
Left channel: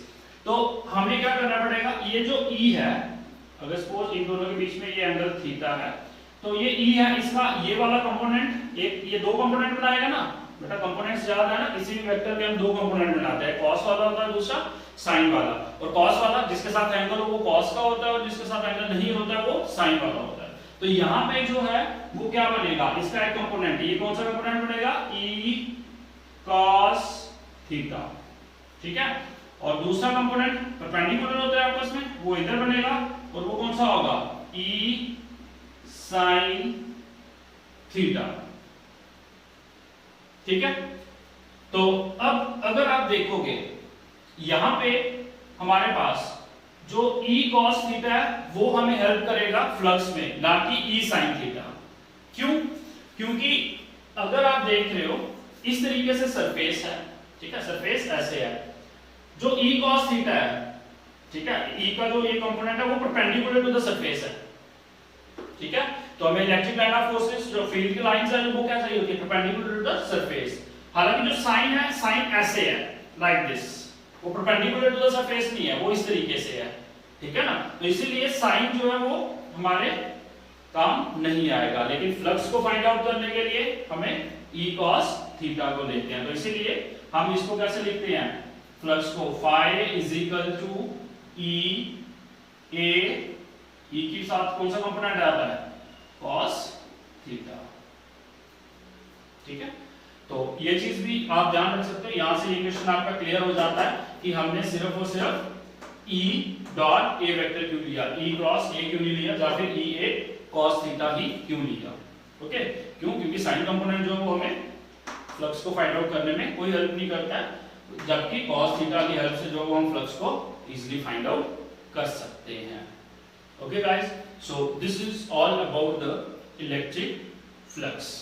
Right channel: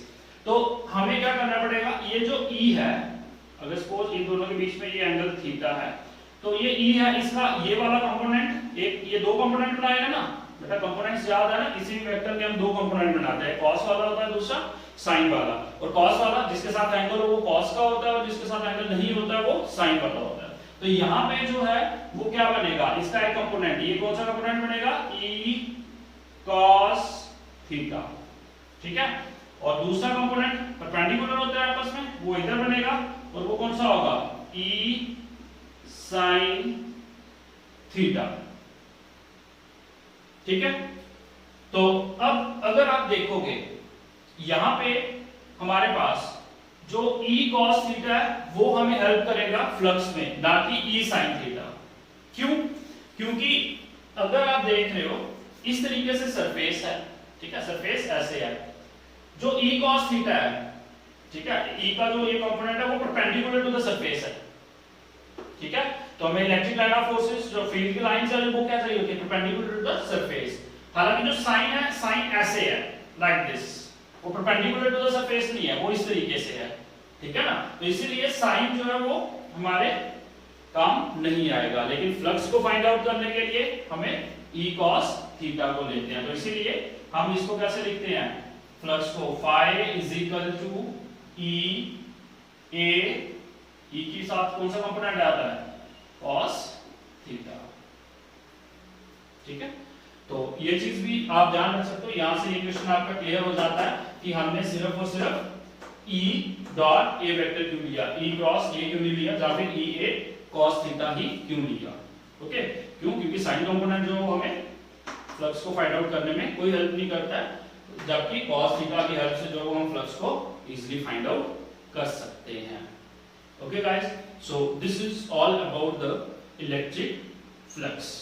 तो हमें क्या करना पड़ेगा, ये जो ई है, अगर सपोज इन दोनों के बीच में ये एंगल थीटा है, तो ये ई है, इसका ये वाला कंपोनेंट, एक ये दो कंपोनेंट बनाएगा ना बेटा, कंपोनेंट्स याद है ना, किसी भी वेक्टर के हम दो कंपोनेंट बनाते हैं, कॉस वाला होता है, दूसरा साइन वाला। और कॉस वाला जिसके साथ एंगल हो वो कॉस का होता है, और जिसके साथ एंगल नहीं होता है वो साइन वाला होता है। तो यहाँ पे जो है वो क्या बनेगा, इसका एक कंपोनेंट, ये कौन सा कंपोनेंट बनेगा, ई कॉस थीटा, ठीक है। और दूसरा कंपोनेंट परपेंडिकुलर होता है आपस में, वो इधर बनेगा, और वो कौन सा होगा, ई साइन थीटा, ठीक है। तो अब अगर आप देखोगे यहां पे हमारे पास जो E cos थीटा है वो हमें हेल्प करेगा फ्लक्स में, ना कि E sin थीटा। क्यों, क्योंकि अगर आप देख रहे हो इस तरीके से सरफेस है, ठीक है, सरफेस ऐसे है, जो E cos थीटा है, ठीक है, E का जो ये कंपोनेंट है वो परपेंडिकुलर टू द सरफेस है, ठीक है। तो हमें इलेक्ट्रिक लाइन ऑफ फोर्सेस, जो फील्ड की लाइंस है वो क्या चाहिए होती है, परपेंडिकुलर टू द सरफेस। हालांकि जो साइन है, साइन ऐसे है, लाइक दिस, वो परपेंडिकुलर टू द सरफेस नहीं है, वो इस तरीके से है, ठीक है ना। तो इसीलिए साइन जो है वो हमारे काम नहीं आएगा, लेकिन फ्लक्स को फाइंड आउट करने के लिए हमें E cos थीटा को लेते हैं। तो इसीलिए हम इसको कैसे लिखते हैं, फ्लक्स को phi is equal to E A, E के साथ कौन सा कंपोनेंट आता है, cos थीटा, ठीक है। तो ये चीज भी आप ध्यान रख सकते हो, यहां से ये क्वेश्चन आपका क्लियर हो जाता है कि हमने सिर्फ और सिर्फ E डॉट ए वेक्टर क्यों लिया, E क्रॉस ए क्यों नहीं लिया, या फिर E A cos थीटा ही क्यों लिया, ओके। क्यों, क्योंकि साइन कंपोनेंट जो है वो हमें फ्लक्स को फाइंड आउट करने में कोई हेल्प नहीं करता है, जबकि cos थीटा की हेल्प से जो हम फ्लक्स को इजीली फाइंड आउट कर सकते हैं। Okay guys, so this is all about the electric flux.